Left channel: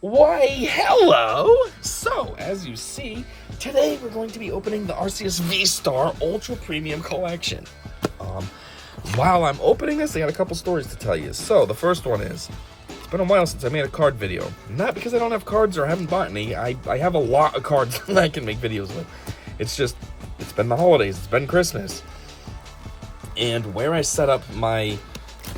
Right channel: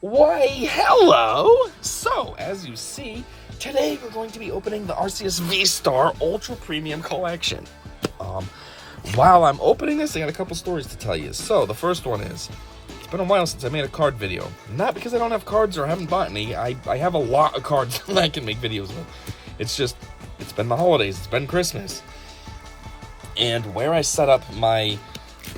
Why, hello! So, as you see, today we're going to be opening the Arceus V-Star Ultra Premium Collection. While I'm opening this, I got a couple stories to tell you. So, the first one is, it's been a while since I made a card video. Not because I don't have cards or haven't bought any. I have a lot of cards that I can make videos with. It's just, it's been the holidays, it's been Christmas. And where I set up my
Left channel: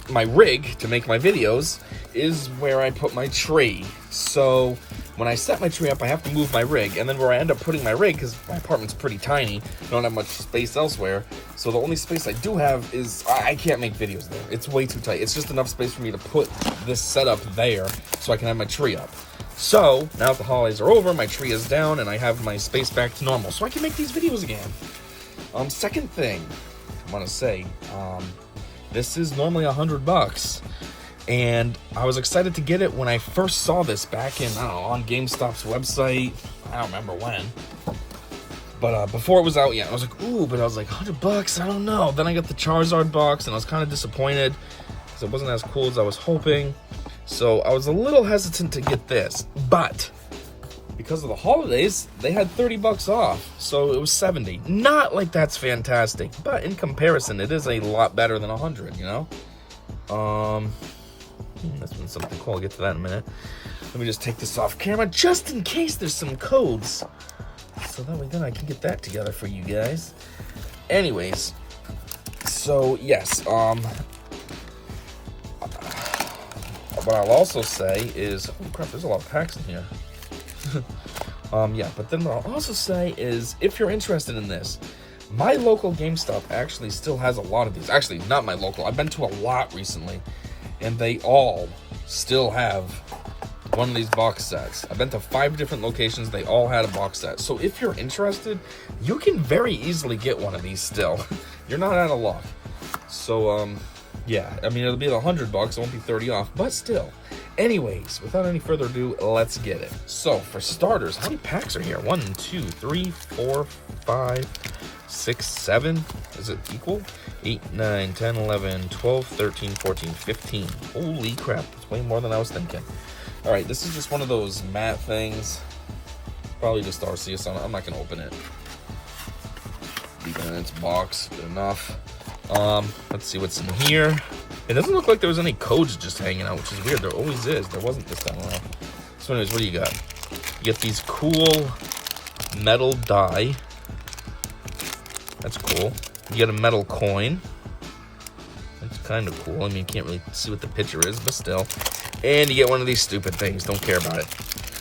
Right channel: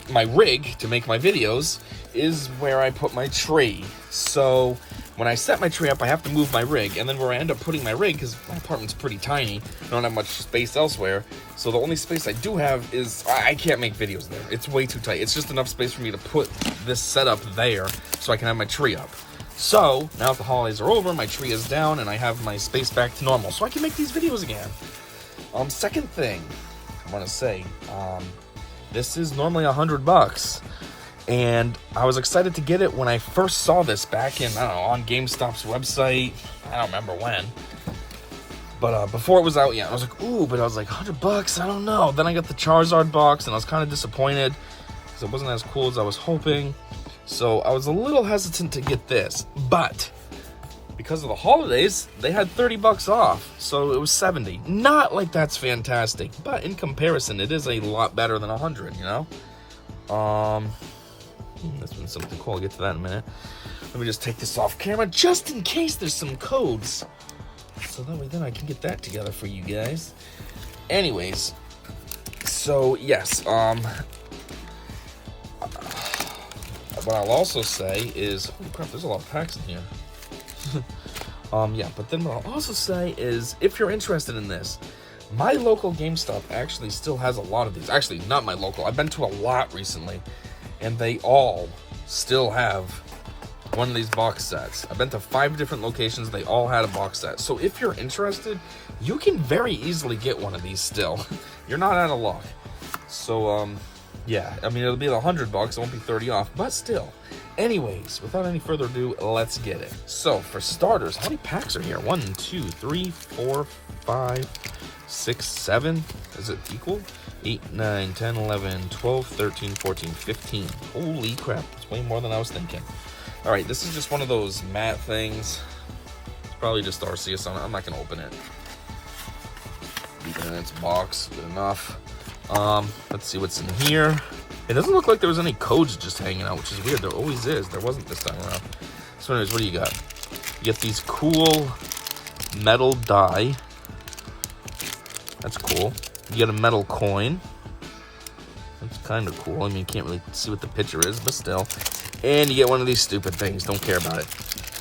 rig to make my videos is where I put my tree. So when I set my tree up, I have to move my rig, and then where I end up putting my rig, because my apartment's pretty tiny, I don't have much space elsewhere, so the only space I do have is, I can't make videos there. It's way too tight. It's just enough space for me to put this setup there so I can have my tree up. So now that the holidays are over, my tree is down, and I have my space back to normal, so I can make these videos again. Second thing I want to say, this is normally $100, and I was excited to get it when I first saw this back in, I don't know, on GameStop's website. I don't remember when, but before it was out yet, I was like, ooh, but I was like, $100, I don't know. Then I got the Charizard box, and I was kind of disappointed, so it wasn't as cool as I was hoping, so I was a little hesitant to get this, but because of the holidays, they had $30 off, so it was $70. Not like that's fantastic, but in comparison, it is a lot better than $100, you know? That's been something cool. I'll get to that in a minute. Let me just take this off camera, just in case there's some codes, so that way then I can get that together for you guys. Anyways, so yes, what I'll also say is, oh crap, there's a lot of packs in here. Yeah, but then what I'll also say is, if you're interested in this, my local GameStop actually still has a lot of these. Actually, not my local. I've been to a lot recently, and they all still have one of these box sets. I've been to 5 different locations. They all had a box set. So if you're interested, you can very easily get one of these still. You're not out of luck. So, yeah, I mean, it'll be at $100. It won't be 30 off, but still. Anyways, without any further ado, let's get it. So, for starters, how many packs are here? 1, 2, 3, 4, 5, 6, 7. Is it equal? 8, 9, 10, 11, 12, 13, 14, 15. Holy crap, that's way more than I was thinking. Alright, this is just one of those matte things. It's probably just Arceus. I'm not going to open it. Leave it in its box. Good enough. Let's see what's in here. It doesn't look like there was any codes just hanging out, which is weird. There always is. There wasn't this time around. So anyways, what do you got? You get these cool metal die. That's cool. You get a metal coin. That's kind of cool. I mean, you can't really see what the picture is, but still. And you get one of these stupid things. Don't care about it.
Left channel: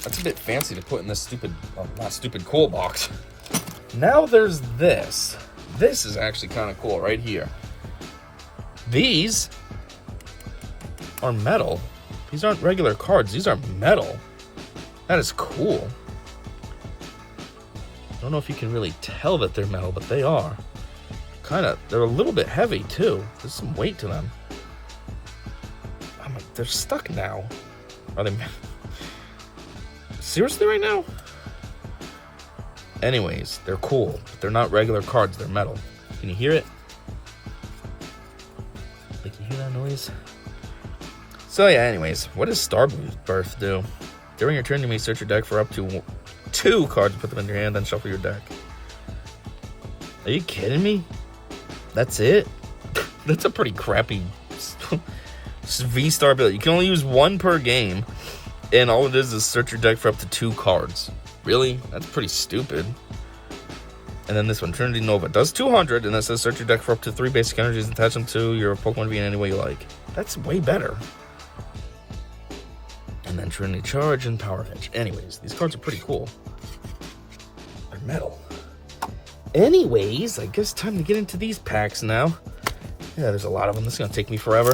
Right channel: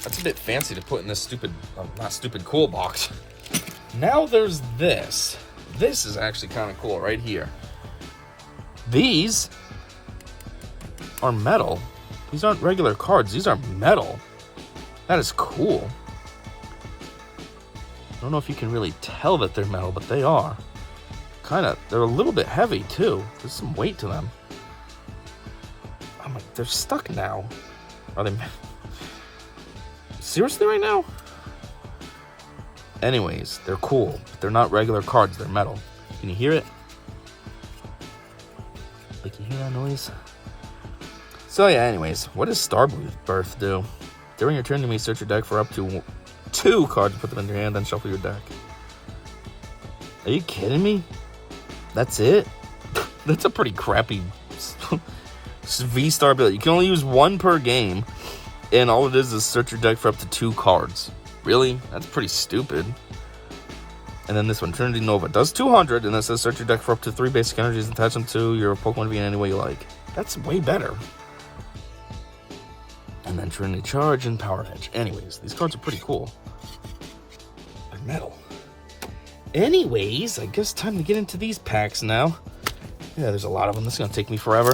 That's a bit fancy to put in this stupid, not stupid, cool box. Now there's this. This is actually kind of cool right here. These are metal. These aren't regular cards. These are metal. That is cool. I don't know if you can really tell that they're metal, but they are. They're a little bit heavy too. There's some weight to them. I'm like, they're stuck now. Are they? Seriously right now? Anyways, they're cool. But they're not regular cards. They're metal. Can you hear it? Can you hear that noise? So yeah, anyways, what does Starbirth do? During your turn, you may search your deck for up to 2 cards, put them in your hand, then shuffle your deck. Are you kidding me? That's it? That's a pretty crappy V-Star build. You can only use 1 per game, and all it is search your deck for up to 2 cards. Really? That's pretty stupid. And then this one, Trinity Nova, does 200, and it says search your deck for up to 3 basic energies, attach them to your Pokemon V in any way you like. That's way better. And then Trinity Charge and Power Pinch. Anyways, these cards are pretty cool. They're metal. Anyways, I guess time to get into these packs now. Yeah, there's a lot of them. This is gonna take me forever.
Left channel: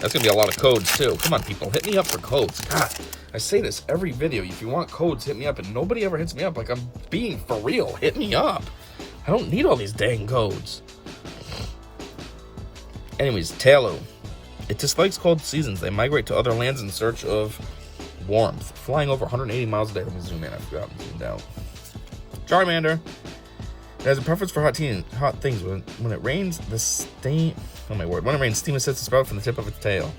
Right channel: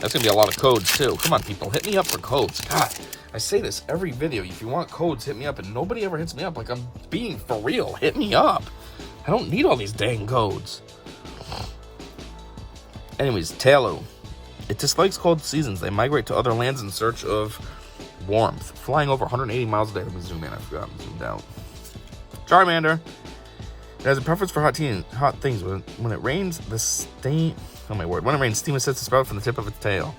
That's gonna be a lot of codes too. Come on, people, hit me up for codes. God, I say this every video. If you want codes, hit me up, and nobody ever hits me up. Like, I'm being for real. Hit me up. I don't need all these dang codes. Anyways, Talu. It dislikes cold seasons. They migrate to other lands in search of warmth. Flying over 180 miles a day. Let me zoom in. I forgot. I'm zoomed out. Charmander. It has a preference for hot things. When it rains, the steam... Oh my word. When it rains, steam sets a sprout from the tip of its tail.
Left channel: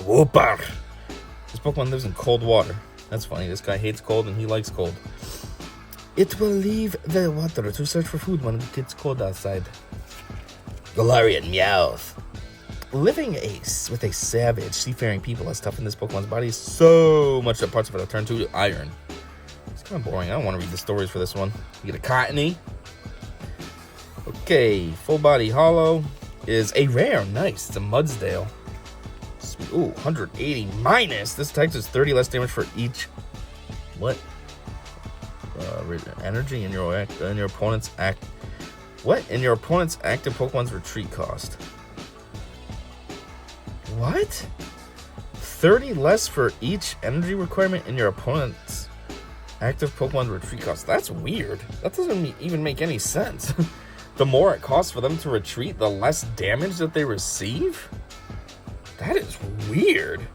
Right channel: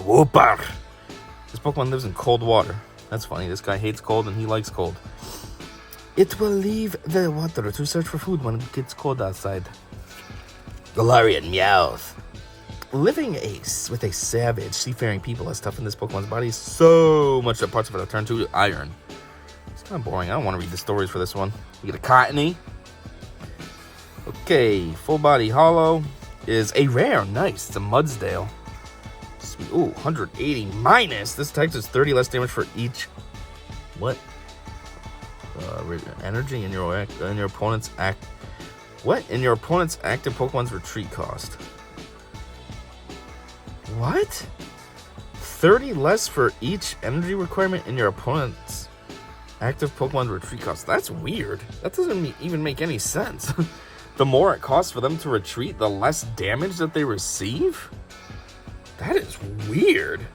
Whoopar. This Pokemon lives in cold water. That's funny. This guy hates cold and he likes cold. It will leave the water to search for food when it gets cold outside. Galarian Meowth. Living with a savage, seafaring people has toughened this Pokemon's body so much that parts of it have turned to iron. It's kind of boring. I don't want to read the stories for this one. You get a Cottony. Okay, full body hollow is a rare. Nice. It's a Mudsdale. Sweet. Ooh, 180 minus. This attack does 30 less damage for each. What? Energy in your opponent's act. What? In your opponent's active Pokemon's retreat cost. What? 30 less for each energy requirement in your opponent's active Pokemon retreat cost. That's weird. That doesn't even make any sense. The more it costs for them to retreat, the less damage that they receive? That is weird.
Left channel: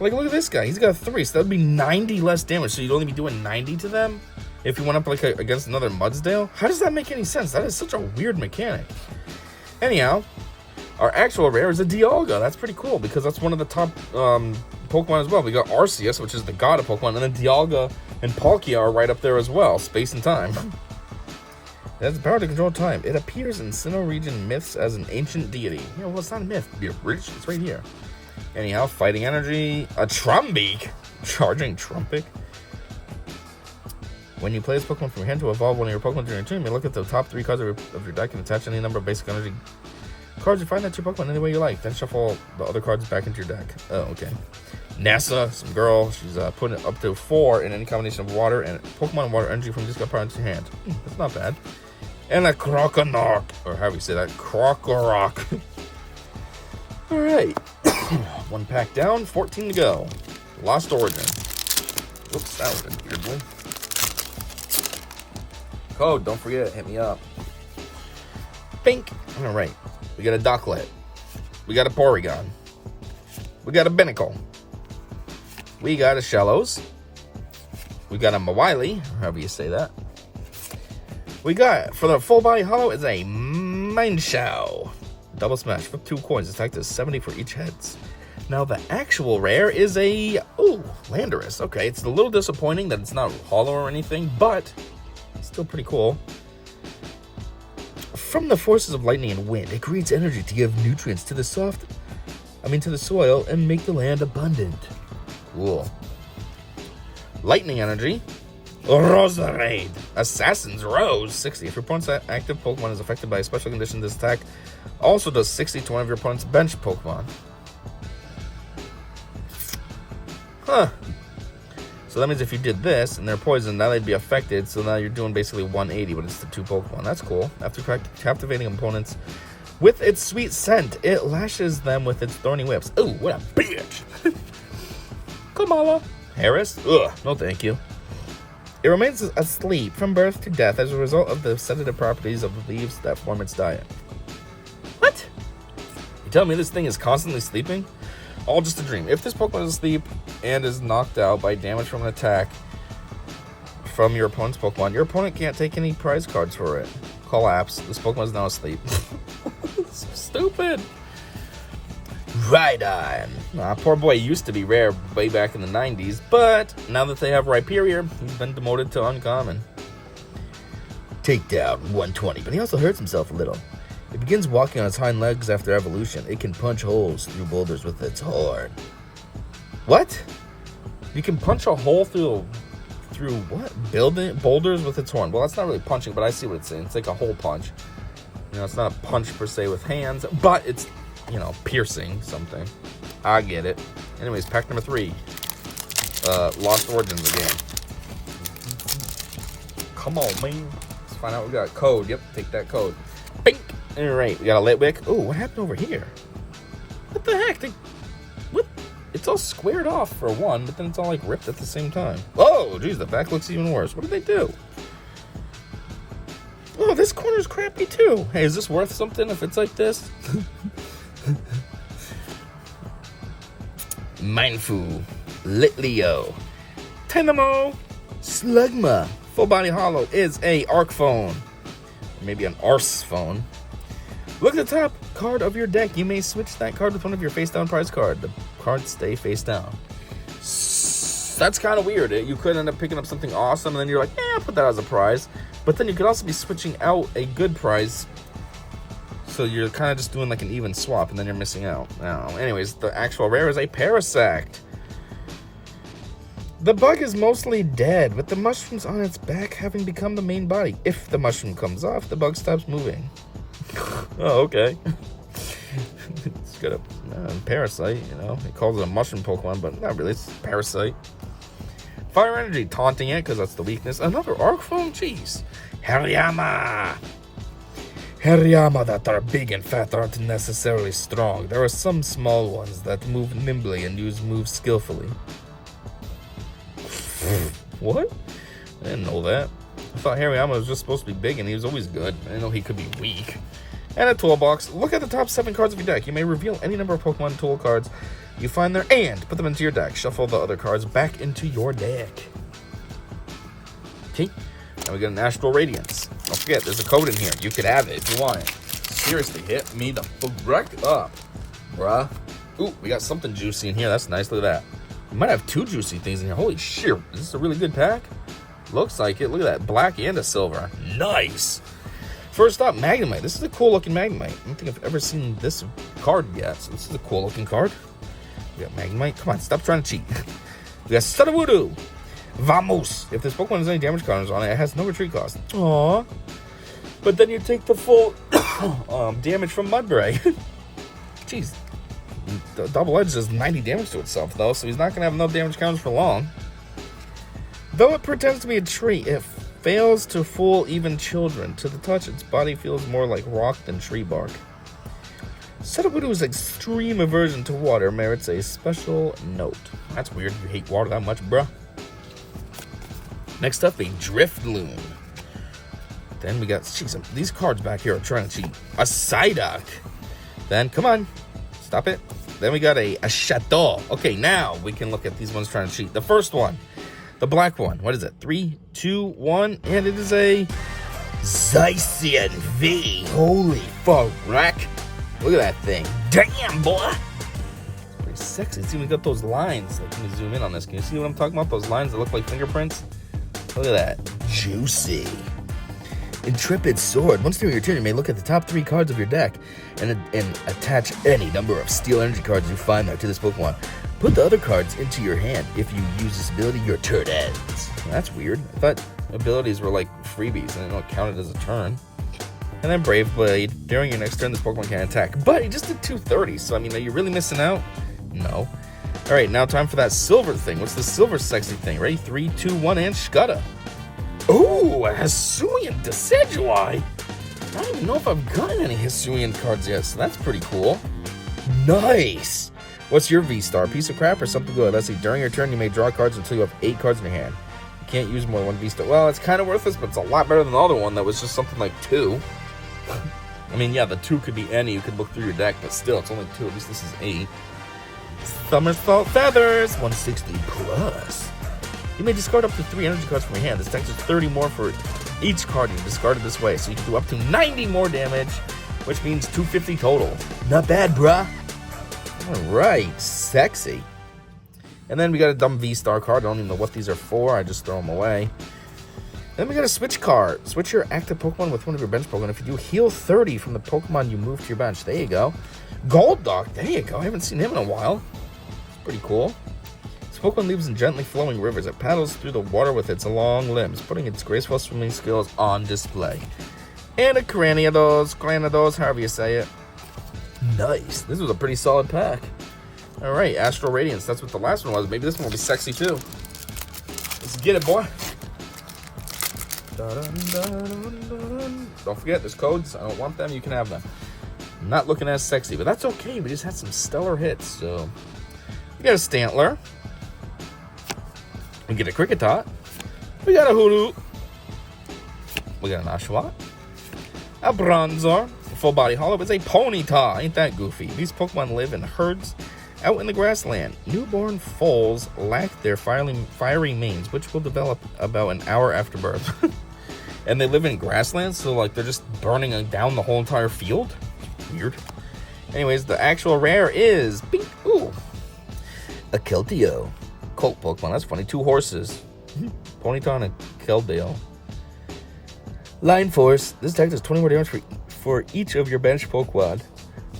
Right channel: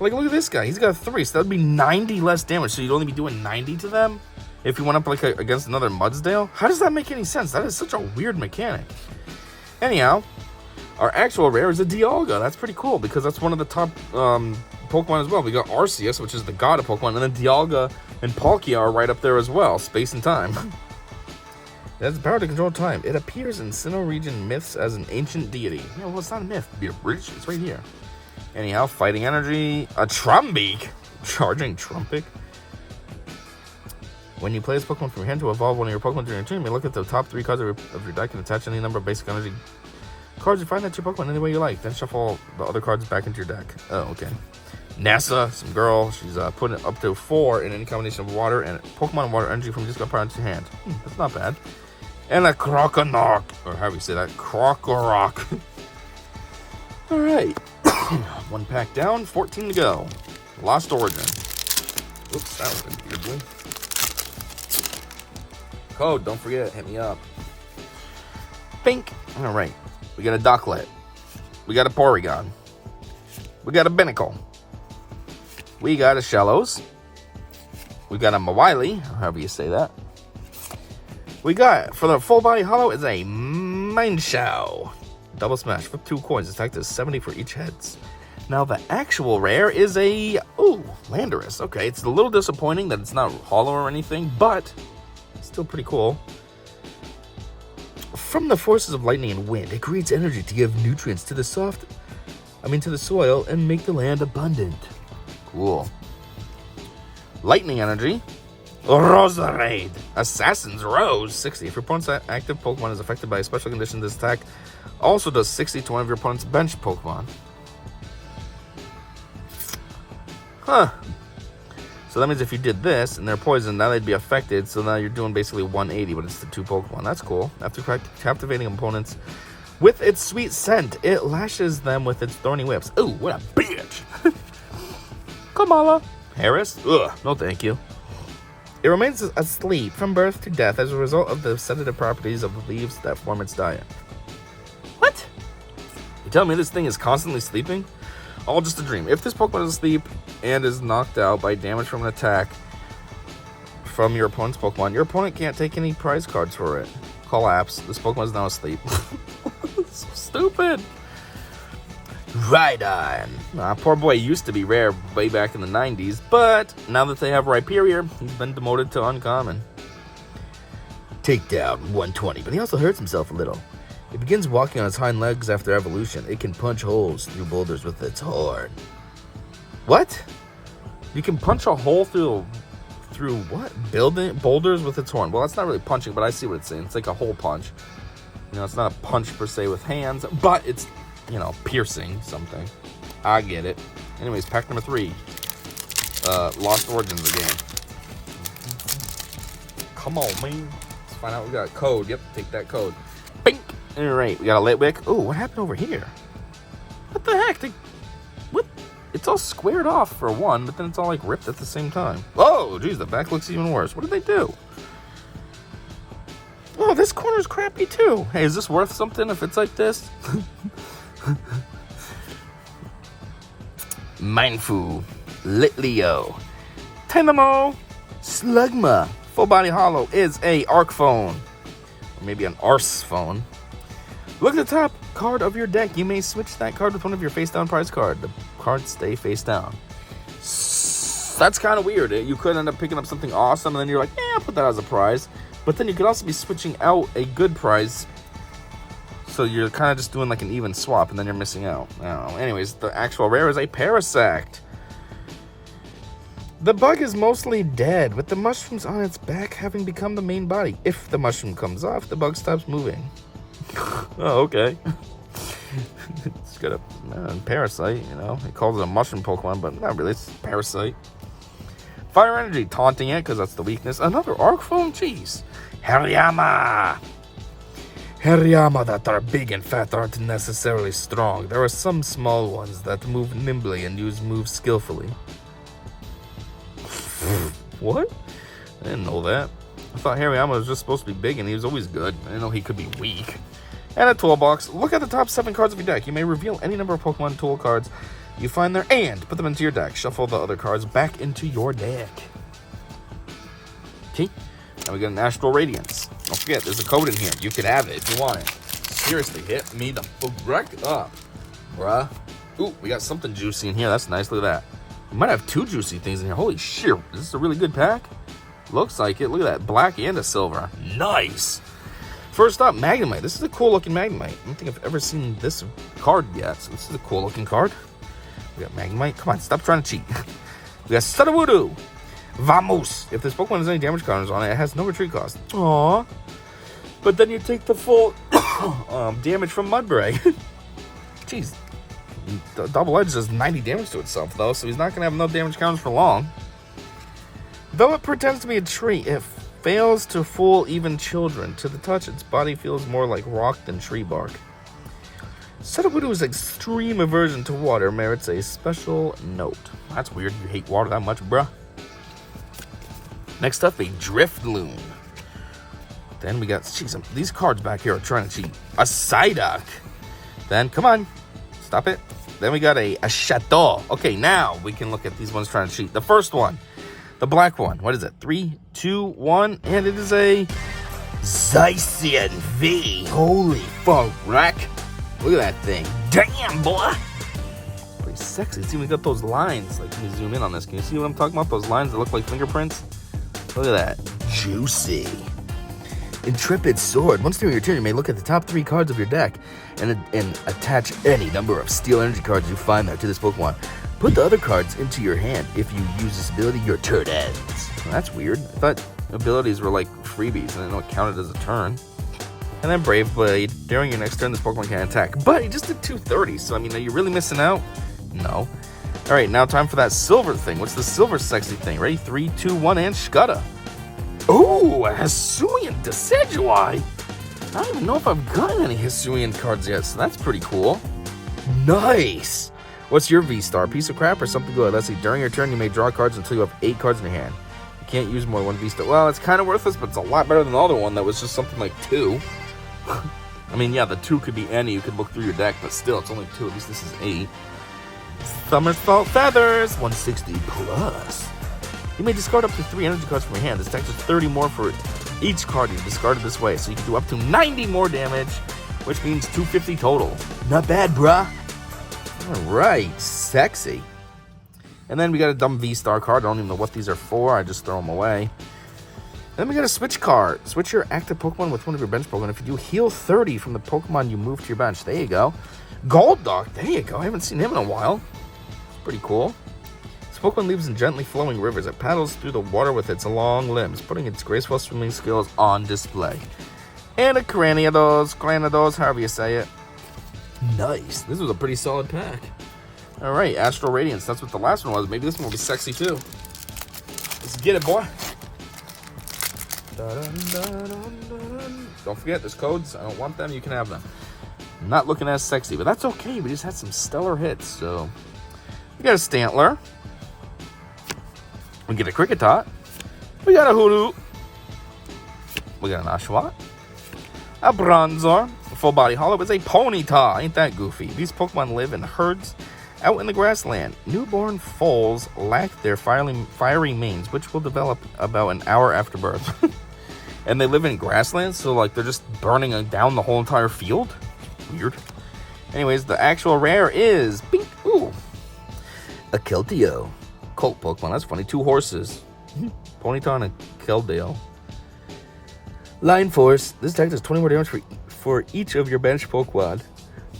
Like, look at this guy. He's got a 3, so that would be 90 less damage. So you'd only be doing 90 to them if you went up like against another Mudsdale? How does that make any sense? That is such a weird mechanic. Anyhow, our actual rare is a Dialga. That's pretty cool because that's one of the top Pokemon as well. We got Arceus, which is the god of Pokemon, and then Dialga and Palkia are right up there as well. Space and time. It has the power to control time. It appears in Sinnoh region myths as an ancient deity. Yeah, well, it's not a myth. It's right here. Anyhow, fighting energy. A Trumbeak. Charging Trumbeak. When you play this Pokemon from your hand to evolve one of your Pokemon during your turn, you may look at the top 3 cards of your deck and attach any number of basic energy cards you find at your Pokemon any way you like. Then shuffle the other cards back into your deck. Oh, okay. NASA, some girl. She's putting it up to 4 in any combination of water and Pokemon water energy from just part into your hand. That's not bad. And a Croconaw, or how do you say that? Crocorock. All right. 1 pack down, 14 to go. Lost Origin. Whoops, that was a weird one. Code, don't forget, hit me up. Pink. All right. We got a Ducklet. We got a Porygon. We got a Binnacle. We got a Shellos. We got a Mawile, or however you say that. We got, for the full body hollow, is a Mineshaw. Double smash. Flip 2 coins. Attack does 70 for each heads. Now, the actual rare is a... Ooh, Landorus. Okay, it's a little disappointing that it's not hollow or anything, but it's still pretty cool. From the forces of lightning and wind, it creates energy to give nutrients to the soil and make the land abundant. Cool. Lightning energy. Roserade. Assassin's Rose. 60. If your opponent's active Pokemon is affected by a special condition, this attack also does 60 to one of your opponent's bench Pokemon. Huh. So that means if you did this and they're poisoned, now they'd be affected. So now you're doing basically 180, but it's the 2 Pokemon. That's cool. After captivating opponents with its sweet scent, it lashes them with its thorny whips. Ooh, what a bitch. Kamala. Harris? Ugh, no thank you. It remains asleep from birth to death as a result of the sedative properties of the leaves that form its diet. What? You telling me this thing is constantly sleeping? All just a dream. If this Pokemon is asleep and is knocked out by damage from an attack from your opponent's Pokemon, your opponent can't take any prize cards for it. Collapse. This Pokemon is now asleep. So stupid. Rhydon. Poor boy used to be rare way back in the 90s, but now that they have Rhyperior, he's been demoted to uncommon. Takedown 120, but he also hurts himself a little. It begins walking on its hind legs after evolution. It can punch holes through boulders with its horn. What? You can punch a hole through what? Boulders with its horn. Well, that's not really punching, but I see what it's saying. It's like a hole punch. You know, it's not a punch per se with hands, but it's, you know, piercing something. I get it. Anyways, pack number 3. Lost Origins again. Come on, man. Let's find out what we got. Code. Yep, take that code. Bink. Alright, we got a Litwick. Oh, what happened over here? What the heck? What? It's all squared off for one, but then it's all like ripped at the same time. Oh, geez, the back looks even worse. What did they do? Oh, this corner's crappy too. Hey, is this worth something if it's like this? Mindfu, Litleo, Tynamo, Slugma. Full body hollow is a Arc phone. Or maybe an Arce phone. Look at the top. card of your deck, you may switch that card with one of your face-down prize card. The cards stay face down. That's kind of weird. You could end up picking up something awesome, and then you're like, I'll put that as a prize. But then you could also be switching out a good prize. So you're kind of just doing like an even swap, and then you're missing out. Anyways, the actual rare is a Parasect. The bug is mostly dead, with the mushrooms on its back having become the main body. If the mushroom comes off, the bug stops moving. Oh, okay. It's got a Parasite, you know. It calls it a mushroom Pokemon, but not really. It's Parasite. Fire Energy, taunting it, because that's the weakness. Another Arc Foam? Jeez. Hariyama! Hariyama that are big and fat aren't necessarily strong. There are some small ones that move nimbly and use moves skillfully. What? I didn't know that. I thought Hariyama was just supposed to be big and he was always good. I didn't know he could be weak. And a toolbox. Look at the top 7 cards of your deck. You may reveal any number of Pokemon tool cards you find there and put them into your deck. Shuffle the other cards back into your deck. Okay. Now we got an Astral Radiance. Don't forget, there's a code in here. You can have it if you want it. Seriously, hit me the wreck up, bruh. Ooh, we got something juicy in here. That's nice. Look at that. We might have 2 juicy things in here. Holy shit. Is this a really good pack? Looks like it. Look at that. Black and a silver. Nice. First up, Magnemite. This is a cool looking Magnemite. I don't think I've ever seen this card yet. So this is a cool looking card. We got Magnemite. Come on, stop trying to cheat. We got Sudowoodo. Vamos. If this Pokemon has any damage counters on it, it has no retreat cost. Aww. But then you take the full damage from Mudbray. Jeez. The Double Edge does 90 damage to itself, though, so he's not going to have enough damage counters for long. Though it pretends to be a tree, it fails to fool even children. To the touch, its body feels more like rock than tree bark. Sudowoodo's extreme aversion to water merits a special note. That's weird. You hate water that much, bruh. Next up, a Drifloon. Then we got, jeez, these cards back here are trying to cheat. A Psyduck. Then, come on, stop it. Then we got a Chateau. Okay, now we can look at these ones trying to cheat. The first one, the black one. What is it? 3, 2, 1, and it is a Zacian V. Holy fuck, rack. Look at that thing. Damn, boy. Pretty sexy. See, we got those lines. Let me zoom in on this. Can you see what I'm talking about? Those lines that look like fingerprints? Look at that. Juicy. Intrepid Sword. Once during your turn, you may look at the top 3 cards of your deck and attach any number of Steel Energy cards you find there to this Pokemon. Put the other cards into your hand. If you use this ability, your turn ends. That's weird. I thought abilities were like freebies and I didn't know it counted as a turn. And then Brave Blade. During your next turn, this Pokemon can attack. But he just did 230, so I mean, are you really missing out? No. Alright, now time for that silver thing. What's the silver sexy thing? Ready? 3, 2, 1, and Scudda. Ooh, a Hisuian Decidueye. I don't even know if I've gotten any Hisuian cards yet, so that's pretty cool. Nice. What's your V-Star? Piece of crap or something good? Let's see. During your turn, you may draw cards until you have 8 cards in your hand. You can't use more than 1 V-Star. Well, it's kind of worthless, but it's a lot better than the other one that was just something like 2. I mean, yeah, the 2 could be any. You could look through your deck, but still, it's only 2. At least this is 8. Somersault Feathers. 160 plus. You may discard up to 3 energy cards from your hand. This deck is 30 more for each card you discarded this way. So you can do up to 90 more damage, which means 250 total. Not bad, bruh. Alright, sexy. And then we got a dumb V-Star card. I don't even know what these are for. I just throw them away. Then we got a switch card. Switch your active Pokemon with one of your bench Pokemon. If you do, heal 30 from the Pokemon you move to your bench. There you go. Golduck. There you go. I haven't seen him in a while. It's pretty cool. This Pokemon lives in gently flowing rivers. It paddles through the water with its long limbs, putting its graceful swimming skills on display. And a Cranidos, however you say it. Nice. This was a pretty solid pack. Alright, Astral Radiance. That's what the last one was. Maybe this one will be sexy too. Let's get it, boy. Don't forget, there's codes. I don't want them. You can have them. I'm not looking as sexy, but that's okay. We just had some stellar hits, so... We got a Stantler. We get a Kricketot. We got a Hoodoo. We got an Oshawott. A Bronzor. A full body hollow. It's a Ponyta. Ain't that goofy? These Pokemon live in herds out in the grassland. Newborn foals lack their fiery manes, which will develop about an hour after birth. And they live in grassland, so like they're just burning down the whole entire field. Weird. Anyways, the actual rare is a Keldeo. Cult Pokemon, that's funny. 2 horses. Ponyta and a Keldeo. Line Force. This attack does 20 more damage for each of your bench Pokemon.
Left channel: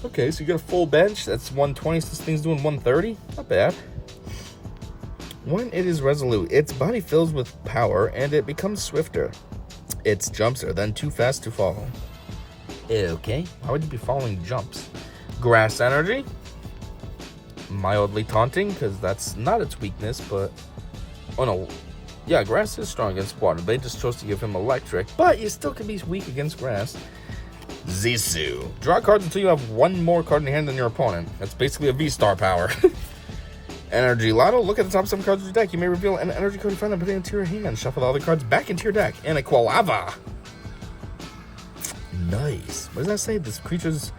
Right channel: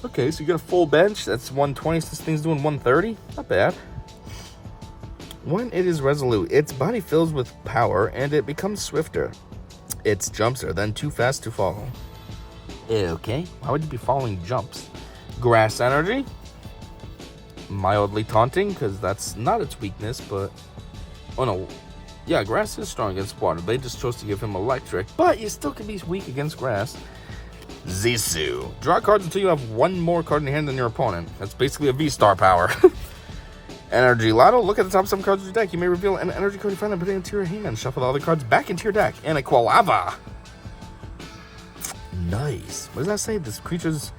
Okay, so you got a full bench. That's 120. So this thing's doing 130. Not bad. When it is resolute, its body fills with power and it becomes swifter. Its jumps are then too fast to follow. Okay, how would you be following jumps? Grass Energy. Mildly taunting, because that's not its weakness, but... Oh no. Yeah, grass is strong against water. They just chose to give him electric, but you still can be weak against grass. Zisu. Draw cards until you have 1 more card in your hand than your opponent. That's basically a V-Star power. Energy Lotto. Look at the top 7 cards of your deck. You may reveal an energy card you find and put it into your hand. Shuffle the other cards back into your deck. And a Quilava. Nice. What does that say? This creature's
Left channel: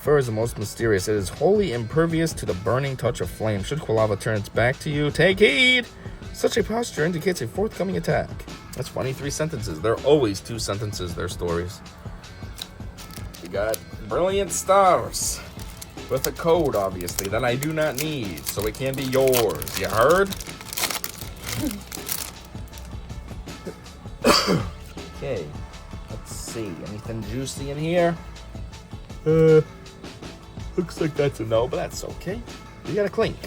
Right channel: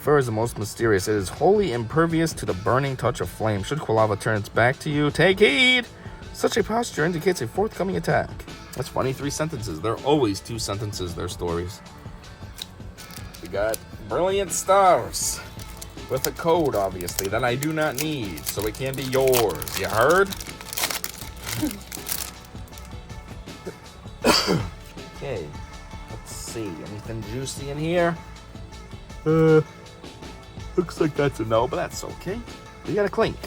fur is the most mysterious. It is wholly impervious to the burning touch of flame. Should Quilava turn its back to you, take heed! Such a posture indicates a forthcoming attack. That's funny, 3 sentences. They're always 2 sentences, their stories. We got Brilliant Stars. With a code, obviously, that I do not need, so it can be yours. You heard? Okay. Let's see. Anything juicy in here? Looks like that's a no, but that's okay. You got a Clink.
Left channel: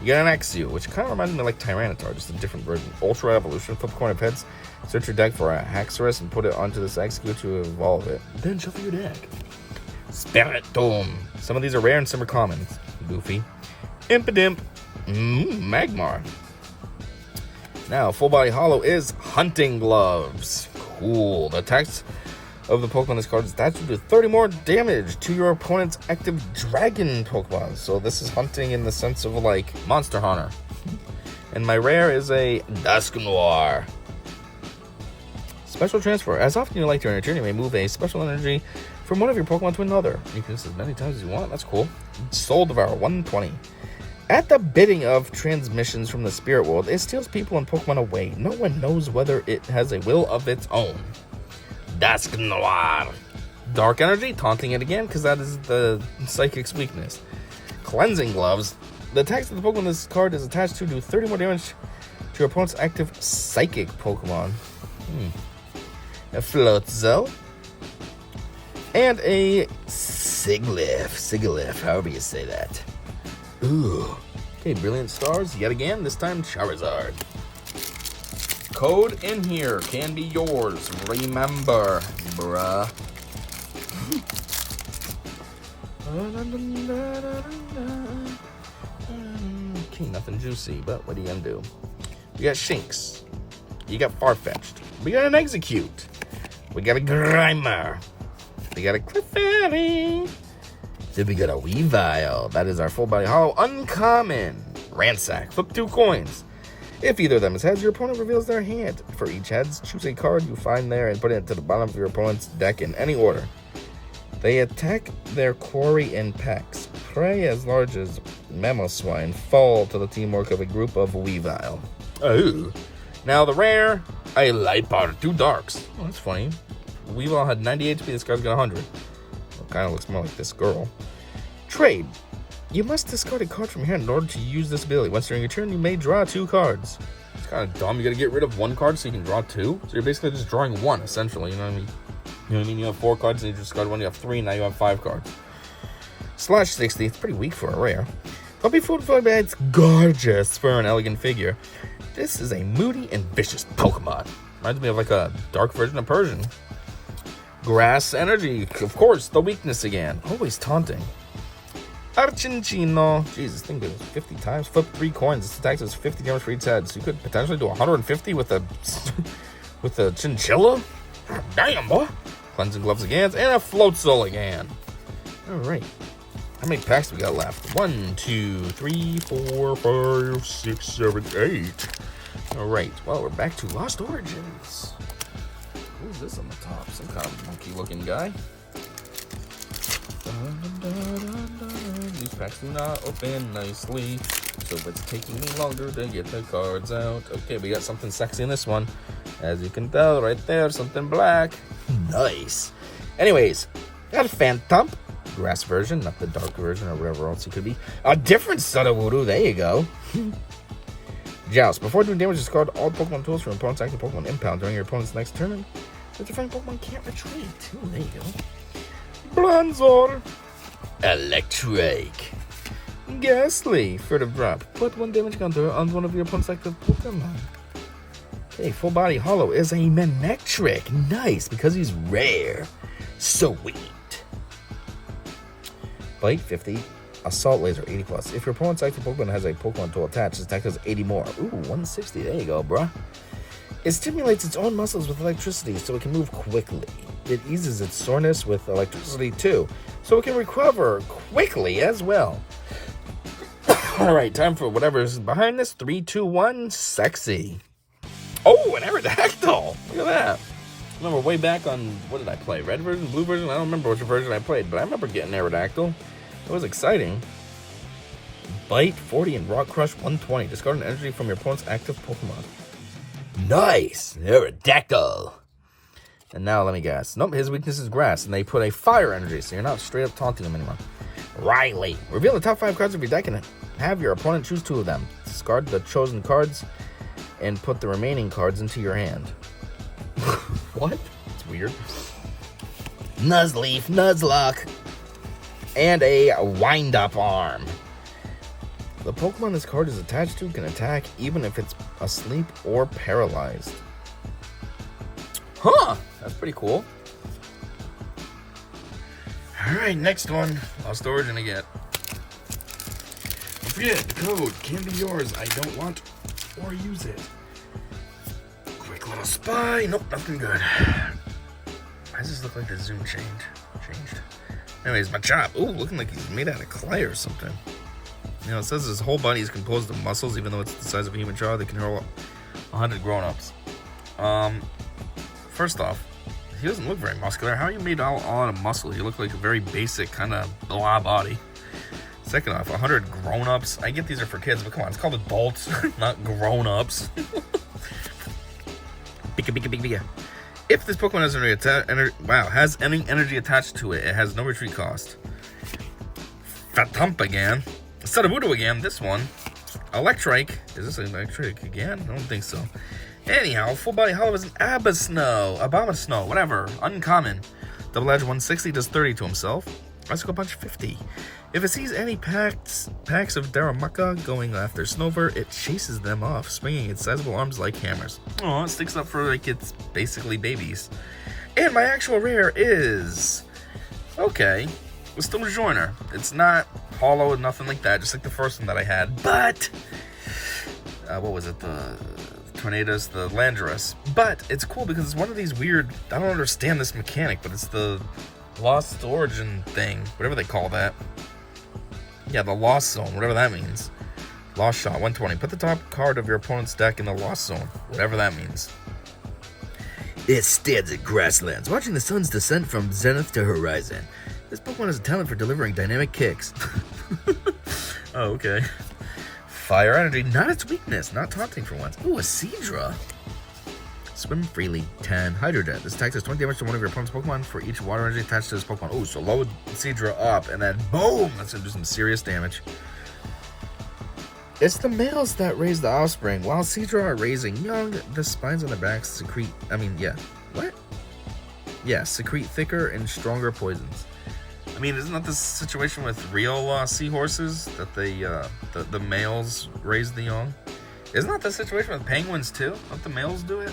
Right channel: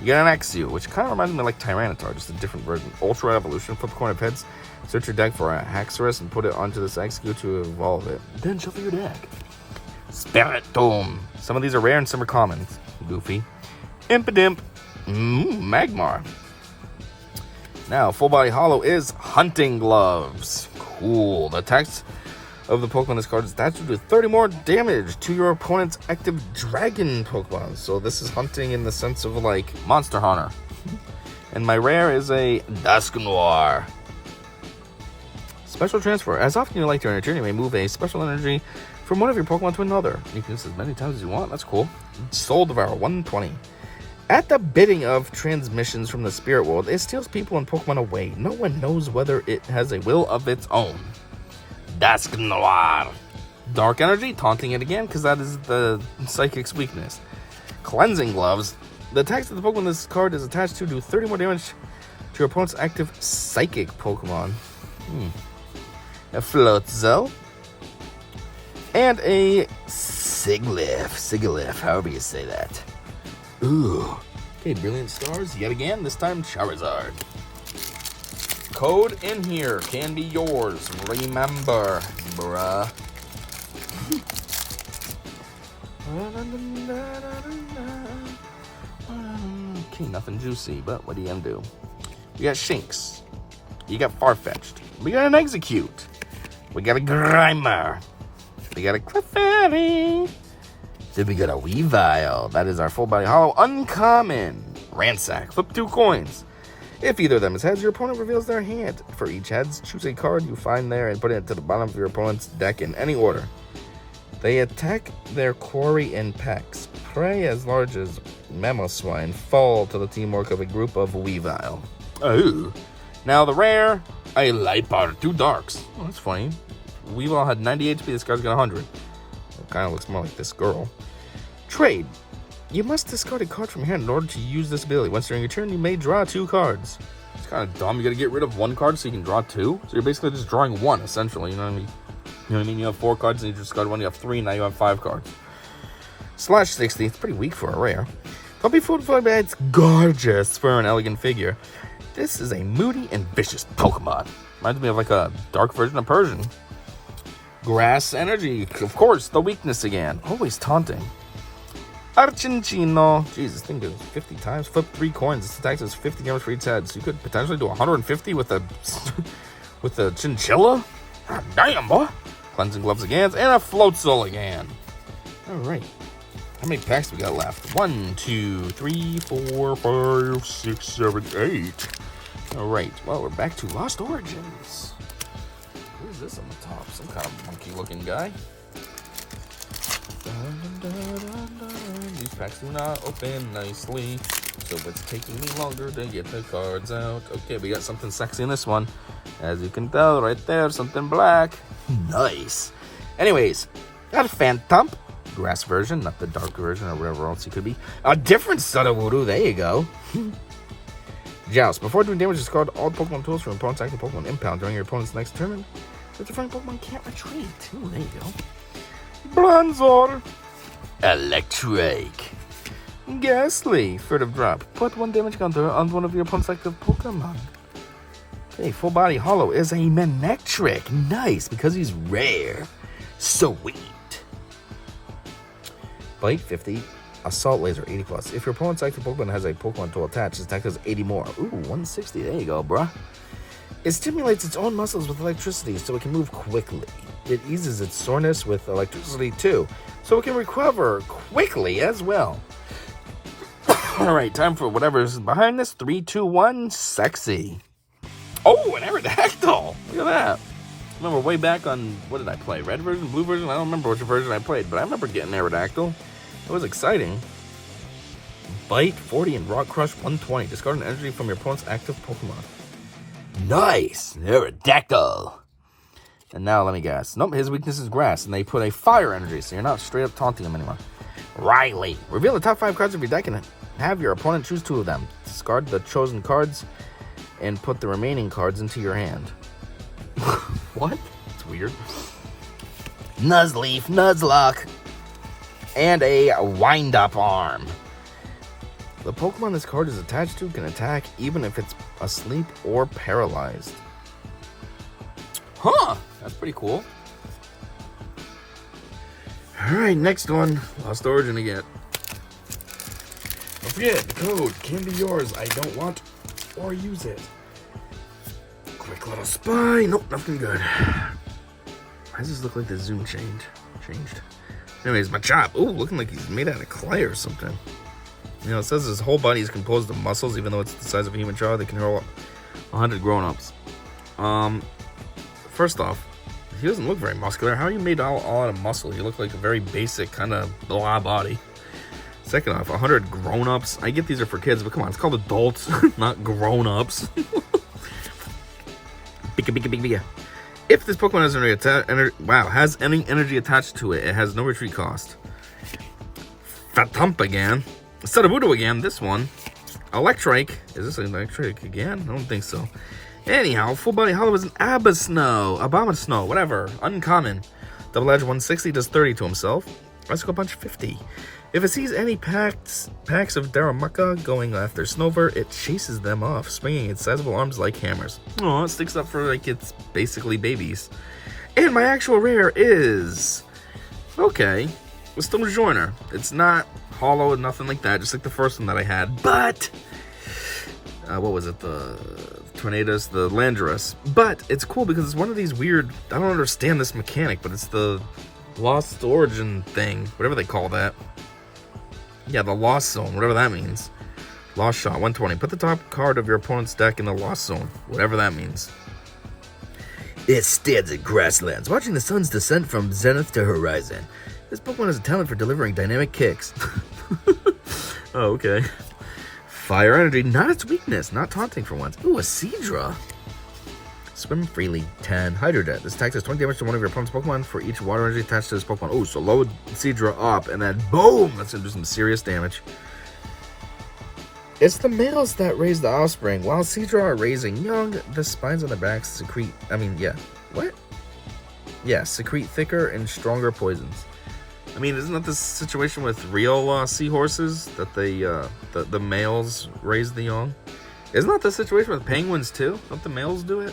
You got an Arceus, which kind of reminds me of like Tyranitar, just a different version. Ultra Evolution. Flip a coin of heads. Search your deck for a Haxorus and put it onto this Arceus to evolve it. Then shuffle your deck. Spiritomb. Some of these are rare and some are common. Goofy. Impidimp. Magmar. Now, Full Body Hollow is Hunting Gloves. Cool. The attacks of the Pokemon this card is that to do 30 more damage to your opponent's active Dragon Pokemon. So this is hunting in the sense of like Monster Hunter. And my rare is a Dusknoir. Special transfer. As often you like during a turn, you may move a special energy from one of your Pokemon to another. You can do this as many times as you want. That's cool. Soul Devourer, 120. At the bidding of transmissions from the spirit world, it steals people and Pokemon away. No one knows whether it has a will of its own. Dusknoir. Dark Energy, taunting it again, because that is the Psychic's weakness. Cleansing Gloves. The attacks of the Pokemon this card is attached to do 30 more damage to your opponent's active Psychic Pokemon. A Floatzel. And a Sigilyph, however you say that. Ooh. Okay, Brilliant Stars, yet again, this time Charizard. Code in here can be yours. Remember, bruh. Okay, nothing juicy, but what are you gonna do? We got Shinx. You got Farfetch'd. We got an Execute. We got a Grimer. We got a Clefairy. Then we got a Weavile. That is our Full Body Hollow Uncommon. Ransack. Flip 2 coins. If either of them is heads, your opponent reveals their hand. For each heads, choose a card you find there and put it to the bottom of your opponent's deck in any order. They attack their quarry in packs. Prey as large as Mamoswine fall to the teamwork of a group of Weavile. Ooh. Now the rare, a Light Powder, 2 darks. Oh, that's funny. Weavile had 90 HP, this guy's got 100. Kind of looks more like this girl. Trade. You must discard a card from your hand in order to use this ability. Once during your turn, you may draw 2 cards. It's kind of dumb. You got to get rid of 1 card so you can draw 2. So you're basically just drawing 1, essentially. You know what I mean? You know what I mean? You have 4 cards, and you discard 1. You have 3, now you have 5 cards. Slash 60. It's pretty weak for a rare. Puppy Food Fly Bad's gorgeous for an elegant figure. This is a moody and vicious Pokemon. Reminds me of like a dark version of Persian. Grass Energy, of course, the weakness again. Always taunting. Archinchino. Jesus, this thing goes 50 times. Flip 3 coins. This attack does 50 damage for each head. So you could potentially do 150 with a chinchilla. Damn, boy. Cleansing Gloves again. And a Floatzel again. Alright. How many packs we got left? 1, 2, 3, 4, 5, 6, 7, 8. Alright. Well, we're back to Lost Origins. Who's this on the top? Some kind of monkey looking guy. These packs do not open nicely, so it's taking me longer to get the cards out. Okay, we got something sexy in this one. As you can tell right there, something black. Nice. Anyways, got a Phantom. Grass version, not the dark version or whatever else he could be. A different Sudowoodo, there you go. Joust. Before doing damage, discard all Pokemon tools from your opponent's active Pokemon impound during your opponent's next turn. The different Pokemon can't retreat. Oh, there you go. Bronzor. Electric. Ghastly. Furtive drop. Put 1 damage counter on one of your opponent's active Pokemon. Okay, full body hollow is a Manectric. Nice, because he's rare. Sweet. Bite 50. Assault laser 80 plus. If your opponent's active Pokemon has a Pokemon tool attached, its attack does 80 more. Ooh, 160. There you go, bruh. It stimulates its own muscles with electricity so it can move quickly. It eases its soreness with electricity too, so it can recover quickly as well. Alright, time for whatever's behind this. 3, 2, 1, sexy. Oh, an Aerodactyl! Look at that. I remember way back on, what did I play? Red version, blue version? I don't remember which version I played, but I remember getting Aerodactyl. It was exciting. Bite 40 and Rock Crush 120. Discard an energy from your opponent's active Pokemon. Nice! Aerodactyl! And now let me guess. Nope, his weakness is grass, and they put a fire energy, so you're not straight up taunting him anymore. Riley. Reveal the top 5 cards of your deck and have your opponent choose 2 of them. Discard the chosen cards and put the remaining cards into your hand. What? That's weird. Nuzleaf, Nuzlocke, and a wind-up arm. The Pokemon this card is attached to can attack even if it's asleep or paralyzed. Huh! That's pretty cool. Alright, next one. Lost Origin again. Don't forget, the code can be yours. I don't want or use it. Quick little spy. Nope, nothing good. Why does this look like the zoom changed? Anyways, Machop. Ooh, looking like he's made out of clay or something. You know, it says his whole body is composed of muscles, even though it's the size of a human child. They can hurl 100 grown-ups. First off, he doesn't look very muscular. How are you made all out of muscle? You look like a very basic kind of blah body. Second off, 100 grown-ups. I get these are for kids, but come on, it's called adults, not grown-ups. Bika. If this Pokemon has any energy attached to it, it has no retreat cost. Fatump again. Sudowoodo again, this one. Electric. Is this an Electric again? I don't think so. Anyhow, full body hollow is an Abomasnow, whatever. Uncommon. Double Edge 160 does 30 to himself. Bicycle Punch 50. If it sees any packs of Darumaka going after Snover, it chases them off, swinging its sizable arms like hammers. Oh, it sticks up for like it's basically babies. And my actual rare is... Okay. Stone Joiner. It's not hollow, nothing like that, just like the first one that I had. But... what was it? The Tornadus, the Landorus. But it's cool because it's one of these weird... I don't understand this mechanic, but it's the Lost Origin thing. Whatever they call that. Yeah, the Lost Zone, whatever that means. Lost Shot, 120. Put the top card of your opponent's deck in the Lost Zone, whatever that means. It stands at grasslands, watching the sun's descent from zenith to horizon. This Pokemon has a talent for delivering dynamic kicks. Oh, okay. Fire energy, not its weakness, not taunting for once. Ooh, a Seadra. Swim freely, 10. Hydro Jet. This attack does 20 damage to one of your opponent's Pokemon for each water energy attached to this Pokemon. Oh, so load Seadra up, and then boom! That's going to do some serious damage. It's the males that raise the offspring. While Seadra are raising young, the spines on their backs secrete... secrete thicker and stronger poisons. I mean, isn't that the situation with real seahorses? That they, the males raise the young? Isn't that the situation with penguins, too? Don't the males do it?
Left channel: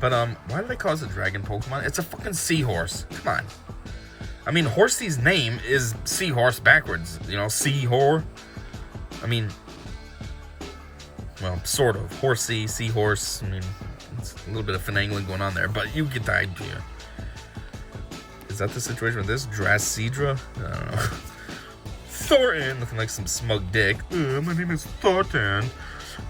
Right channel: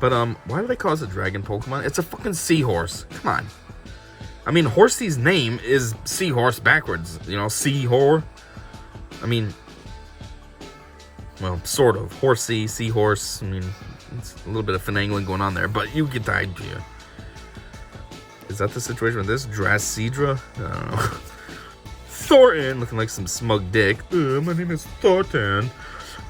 But, why do they call it a dragon Pokemon? It's a fucking seahorse. Come on. I mean, Horsey's name is Seahorse backwards. You know, Seahor. I mean, well, sort of. Horsey, Seahorse. I mean, it's a little bit of finagling going on there, but you get the idea. Is that the situation with this? Dracidra? I don't know. Thornton, looking like some smug dick. My name is Thornton.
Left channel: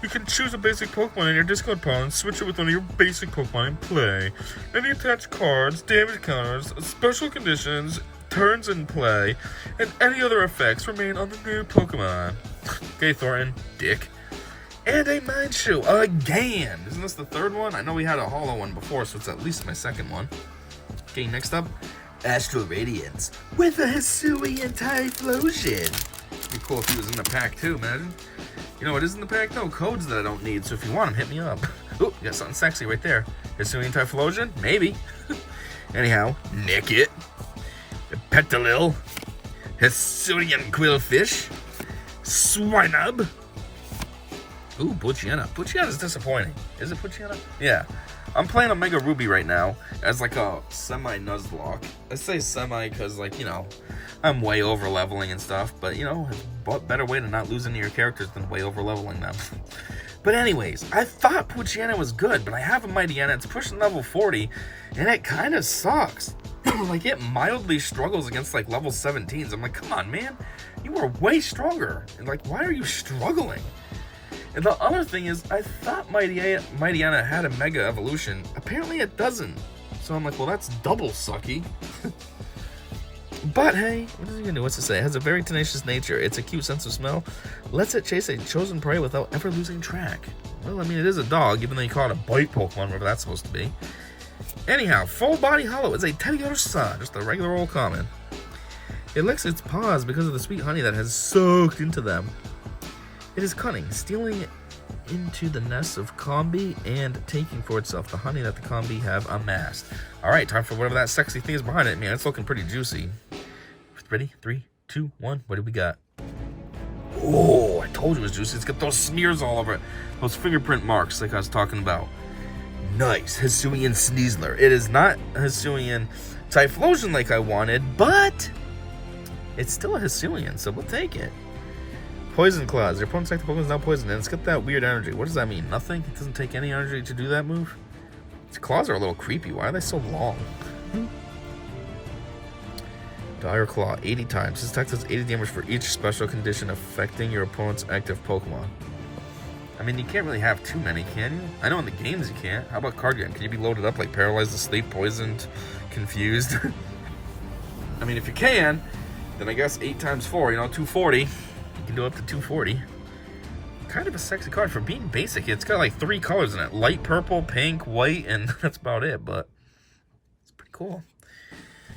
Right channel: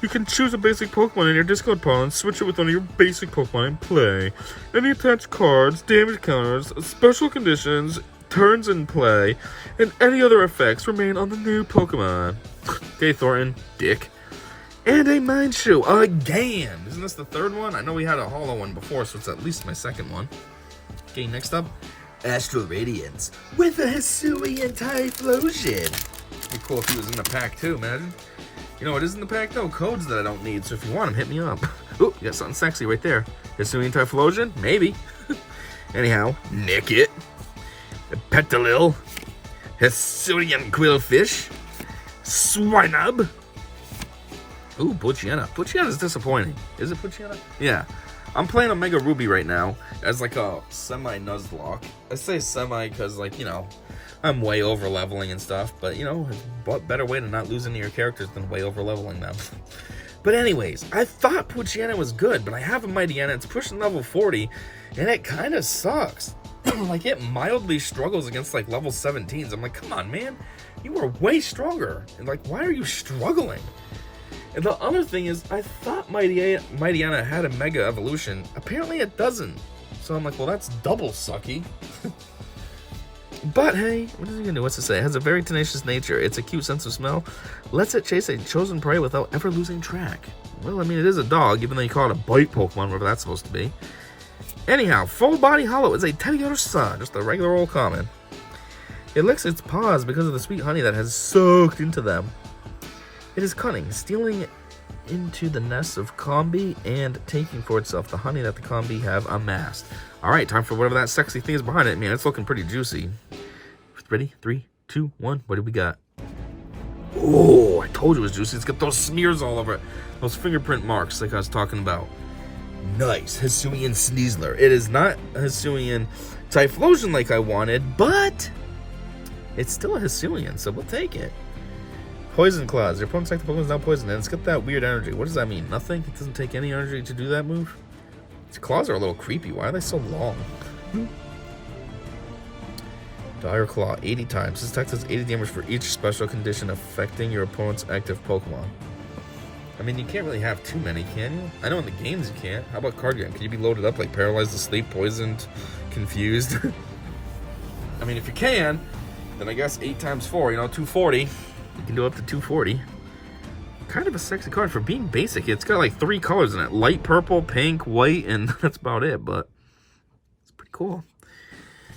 You can choose a basic Pokemon in your discard pile and switch it with one of your basic Pokemon in play. Any attached cards, damage counters, special conditions, turns in play, and any other effects remain on the new Pokemon. Okay, Thornton, dick. And a Mineshoe, again! Isn't this the third one? I know we had a hollow one before, so it's at least my second one. Okay, next up, Astral Radiance with a Hisuian Typhlosion. It'd be cool if he was in the pack too, imagine. You know what is in the pack though? Codes that I don't need, so if you want them, hit me up. Ooh, you got something sexy right there. Hisuian Typhlosion? Maybe. Anyhow, Nickit, Petalil, Hisuian Quillfish, Swinub. Ooh, Poochyena. Poochyena's disappointing. Is it Poochyena? Yeah. I'm playing a Mega Ruby right now as like a semi-Nuzlocke. I say semi because, like, you know, I'm way over leveling and stuff. But, you know, what better way to not lose any of your characters than way over leveling them. But anyways, I thought Poochyena was good, but I have a Mightyena. It's pushing level 40, and it kind of sucks. Like, it mildly struggles against, like, level 17s. I'm like, come on, man. You are way stronger. And, like, why are you struggling? And the other thing is, I thought Mightyena had a Mega Evolution. Apparently it doesn't. So I'm like, well, that's double sucky. But hey, what is he gonna do? What's it say? It has a very tenacious nature. It's a cute sense of smell. Lets it chase a chosen prey without ever losing track. Well, I mean, it is a dog, even though you call it a bite Pokemon, whatever that's supposed to be. Anyhow, Full Body Hollow is a Teddiursa Sun, just a regular old common. It licks its paws because of the sweet honey that has soaked into them. It is cunning, stealing into the nests of Combi and taking for itself the honey that the Combi have amassed. Alright, time for whatever that sexy thing is behind it. Man, it's looking pretty juicy. Ready? 3, 2, 1. What do we got? Oh, I told you it was juicy. It's got those smears all over it. Those fingerprint marks like I was talking about. Nice. Hisuian Sneasler. It is not Hisuian Typhlosion like I wanted, but it's still a Hisuian, so we'll take it. Poison Claws. Your opponent's active Pokemon is now poisoned, and it's got that weird energy. What does that mean? Nothing? It doesn't take any energy to do that move? Its claws are a little creepy. Why are they so long? Dire Claw. 80 times. This attack does 80 damage for each special condition affecting your opponent's active Pokemon. I mean, you can't really have too many, can you? I know in the games you can't. How about card game? Can you be loaded up like Paralyzed, Asleep, Poisoned, Confused? I mean, if you can, then I guess 8 times 4, you know, 240. You can do up to 240. Kind of a sexy card for being basic. It's got like 3 colors in it. Light purple, pink, white, and that's about it, but it's pretty cool.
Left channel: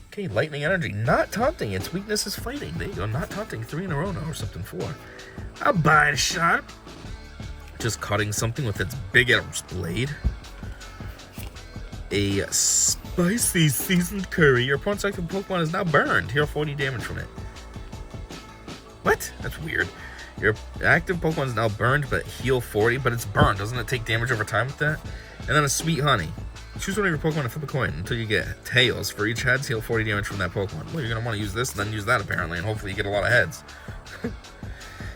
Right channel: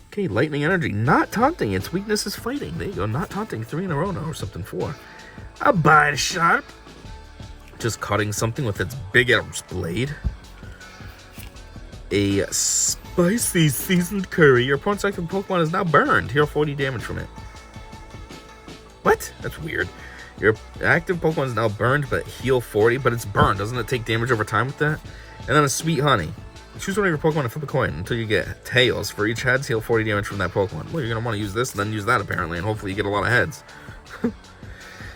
Okay, Lightning Energy. Not taunting. Its weakness is fighting. There you go. Not taunting. 3 in a row now or something. 4. A Bite Shot. Just cutting something with its big ass blade. A Spicy Seasoned Curry. Your opponent's active Pokemon is now burned. Heal 40 damage from it. What? That's weird. Your active Pokemon is now burned, but heal 40, but it's burned. Doesn't it take damage over time with that? And then a Sweet Honey. Choose one of your Pokemon and flip a coin until you get tails. For each heads, heal 40 damage from that Pokemon. Well, you're going to want to use this and then use that, apparently, and hopefully you get a lot of heads.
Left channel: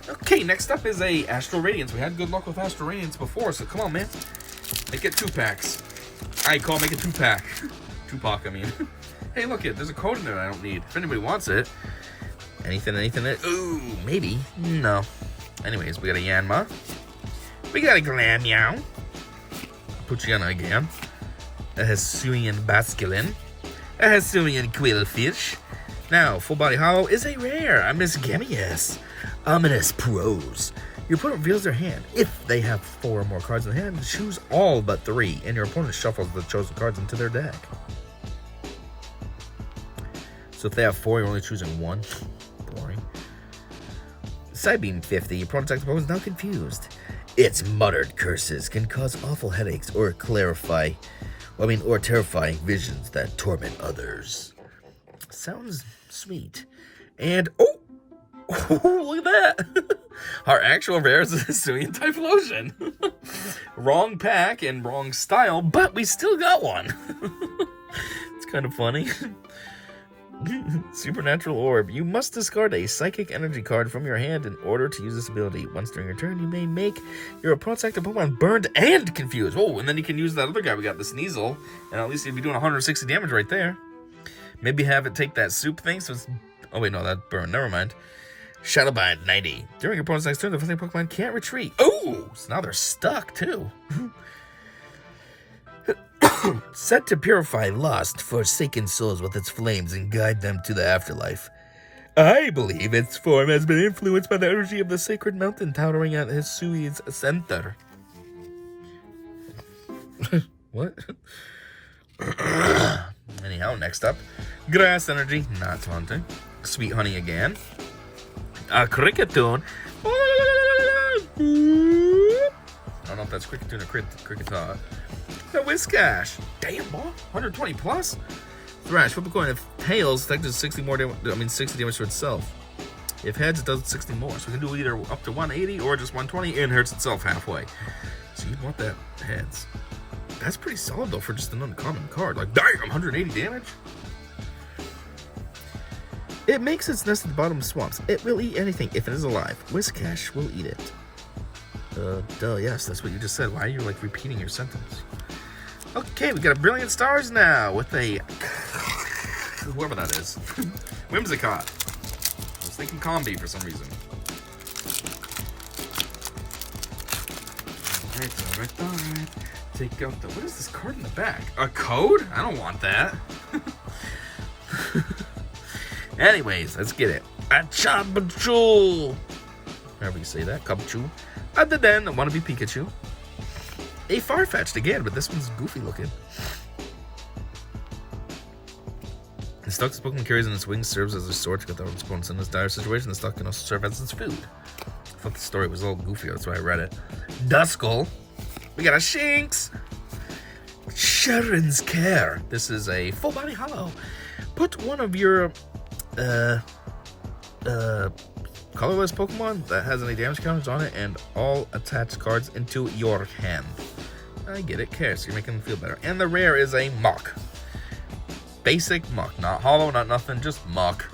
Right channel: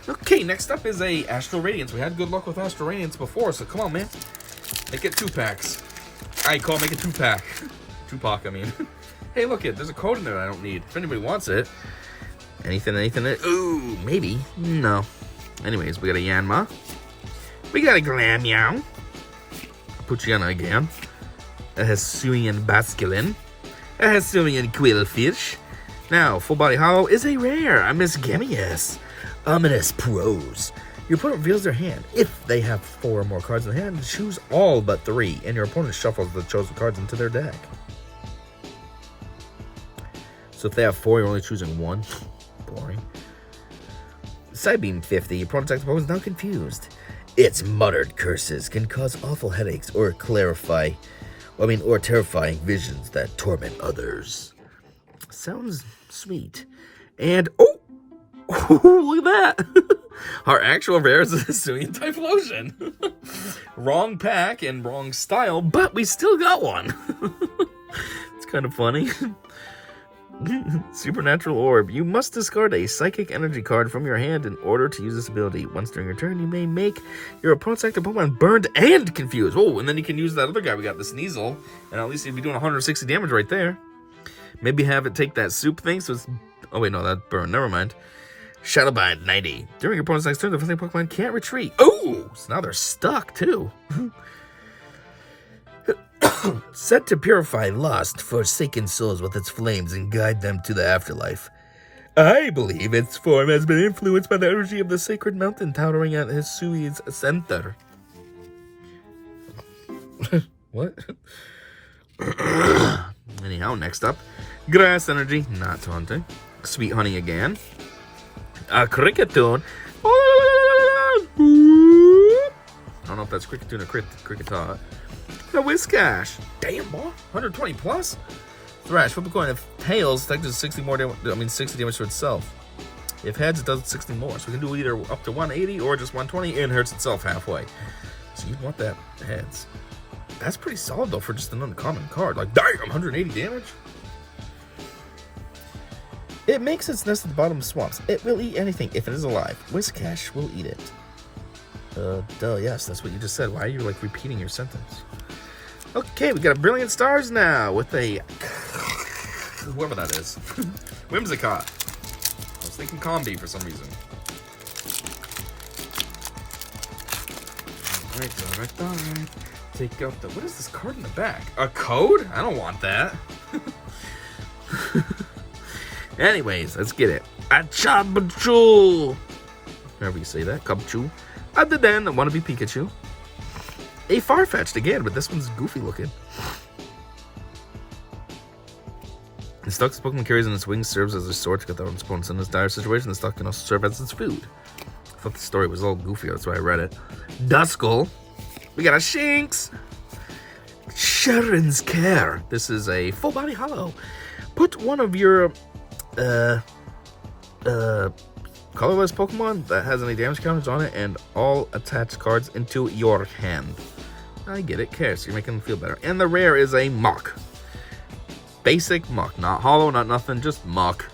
Okay, next up is a Astral Radiance. We had good luck with Astral Radiance before, so come on, man. Make it 2-packs. Alright, Cole, make it 2-pack. 2-pack, I mean. Hey, look, there's a code in there I don't need. If anybody wants it. Anything? Ooh, maybe. No. Anyways, we got a Yanma. We got a Glameow. Poochyena again. A Hisuian Basculin. A Hisuian Quillfish. Now, Full Body Hollow is a rare. A Misgamius. Ominous Pros. Your opponent reveals their hand. If they have 4 or more cards in the hand, choose all but 3, and your opponent shuffles the chosen cards into their deck. So if they have 4, you're only choosing 1. Boring. Psybeam 50. Your opponent's active Pokemon is now confused. Its muttered curses can cause awful headaches or or terrifying visions that torment others. Sounds sweet. And oh, look at that! Our actual rare is a Hisuian Typhlosion. Wrong pack and wrong style, but we still got one. It's kind of funny. Supernatural Orb. You must discard a Psychic Energy card from your hand in order to use this ability. Once during your turn, you may make your opponent's active Pokemon burned and confused. Oh, and then you can use that other guy we got, the Sneasel, and at least you'd be doing 160 damage right there. Maybe have it take that soup thing, so it's... Oh, wait, no, that burned. Never mind. Shadowbind 90. During your opponent's next turn, the friendly Pokemon can't retreat. Oh, so now they're stuck, too. Set to purify lost, forsaken souls with its flames and guide them to the afterlife. I believe its form has been influenced by the energy of the sacred mountain towering at Hisui's center. What? Anyhow, next up, Grass Energy, not taunting. Sweet Honey again. A Cricketune. I don't know if that's Cricketune or Cricketah. The Whiscash. Damn, boy. 120 plus? Thrash, flip a coin. If tails, that does 60 more damage. 60 damage to itself. If heads, it does 60 more. So we can do either up to 180 or just 120 and hurts itself halfway. So you'd want that heads. That's pretty solid though for just an uncommon card. Like, damn, 180 damage? It makes its nest at the bottom of swamps. It will eat anything if it is alive. Whiscash will eat it. Duh, yes, that's what you just said. Why are you, like, repeating your sentence? Okay, we got a Brilliant Stars now with a... whoever that is. Whimsicott. I was thinking Combi for some reason. Alright. Take out the... What is this card in the back? A code? I don't want that. Anyways, let's get it. A Chabachu. However you say that. Cubchoo. Other than Wannabe Pikachu. A Farfetch'd again, but this one's goofy looking. The stock this Pokemon carries in its wings serves as a sword to get their own opponents in this dire situation. The stock can also serve as its food. I thought the story was all goofy, that's why I read it. Duskull. We got a Shinx. Sharon's Care. This is a full body hollow. Put one of your colorless Pokemon that has any damage counters on it and all attached cards into your hand. I get it, care, so you're making them feel better. And the rare is a Muck. Basic Muck, not hollow, not nothing, just Muck.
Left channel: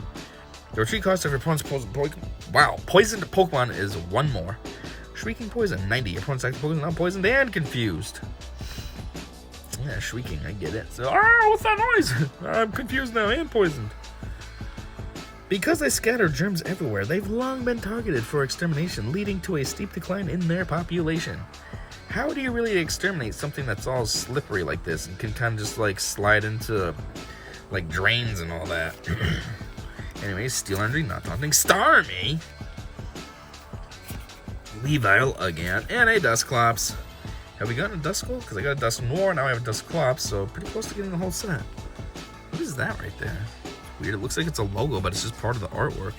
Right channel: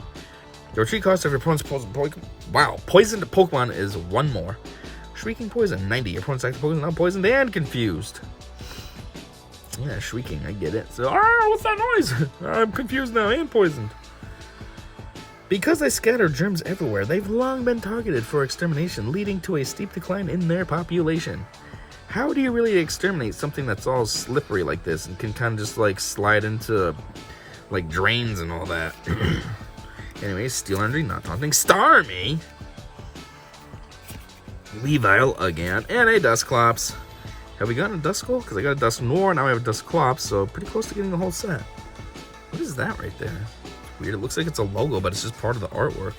The retreat cost of your opponent's poisoned Pokemon is 1 more. Shrieking Poison, 90. Your opponent's active Pokemon is now poisoned and confused. Yeah, shrieking, I get it. So, what's that noise? I'm confused now and poisoned. Because they scatter germs everywhere, they've long been targeted for extermination, leading to a steep decline in their population. How do you really exterminate something that's all slippery like this and can kind of just like slide into like drains and all that? Anyways, Steel Energy, not taunting. Starmie! Weavile again, and a Dusclops. Have we gotten a Duskull? Because I got a Dusknoir, now I have a Dusclops, so pretty close to getting the whole set. What is that right there? Weird. It looks like it's a logo, but it's just part of the artwork.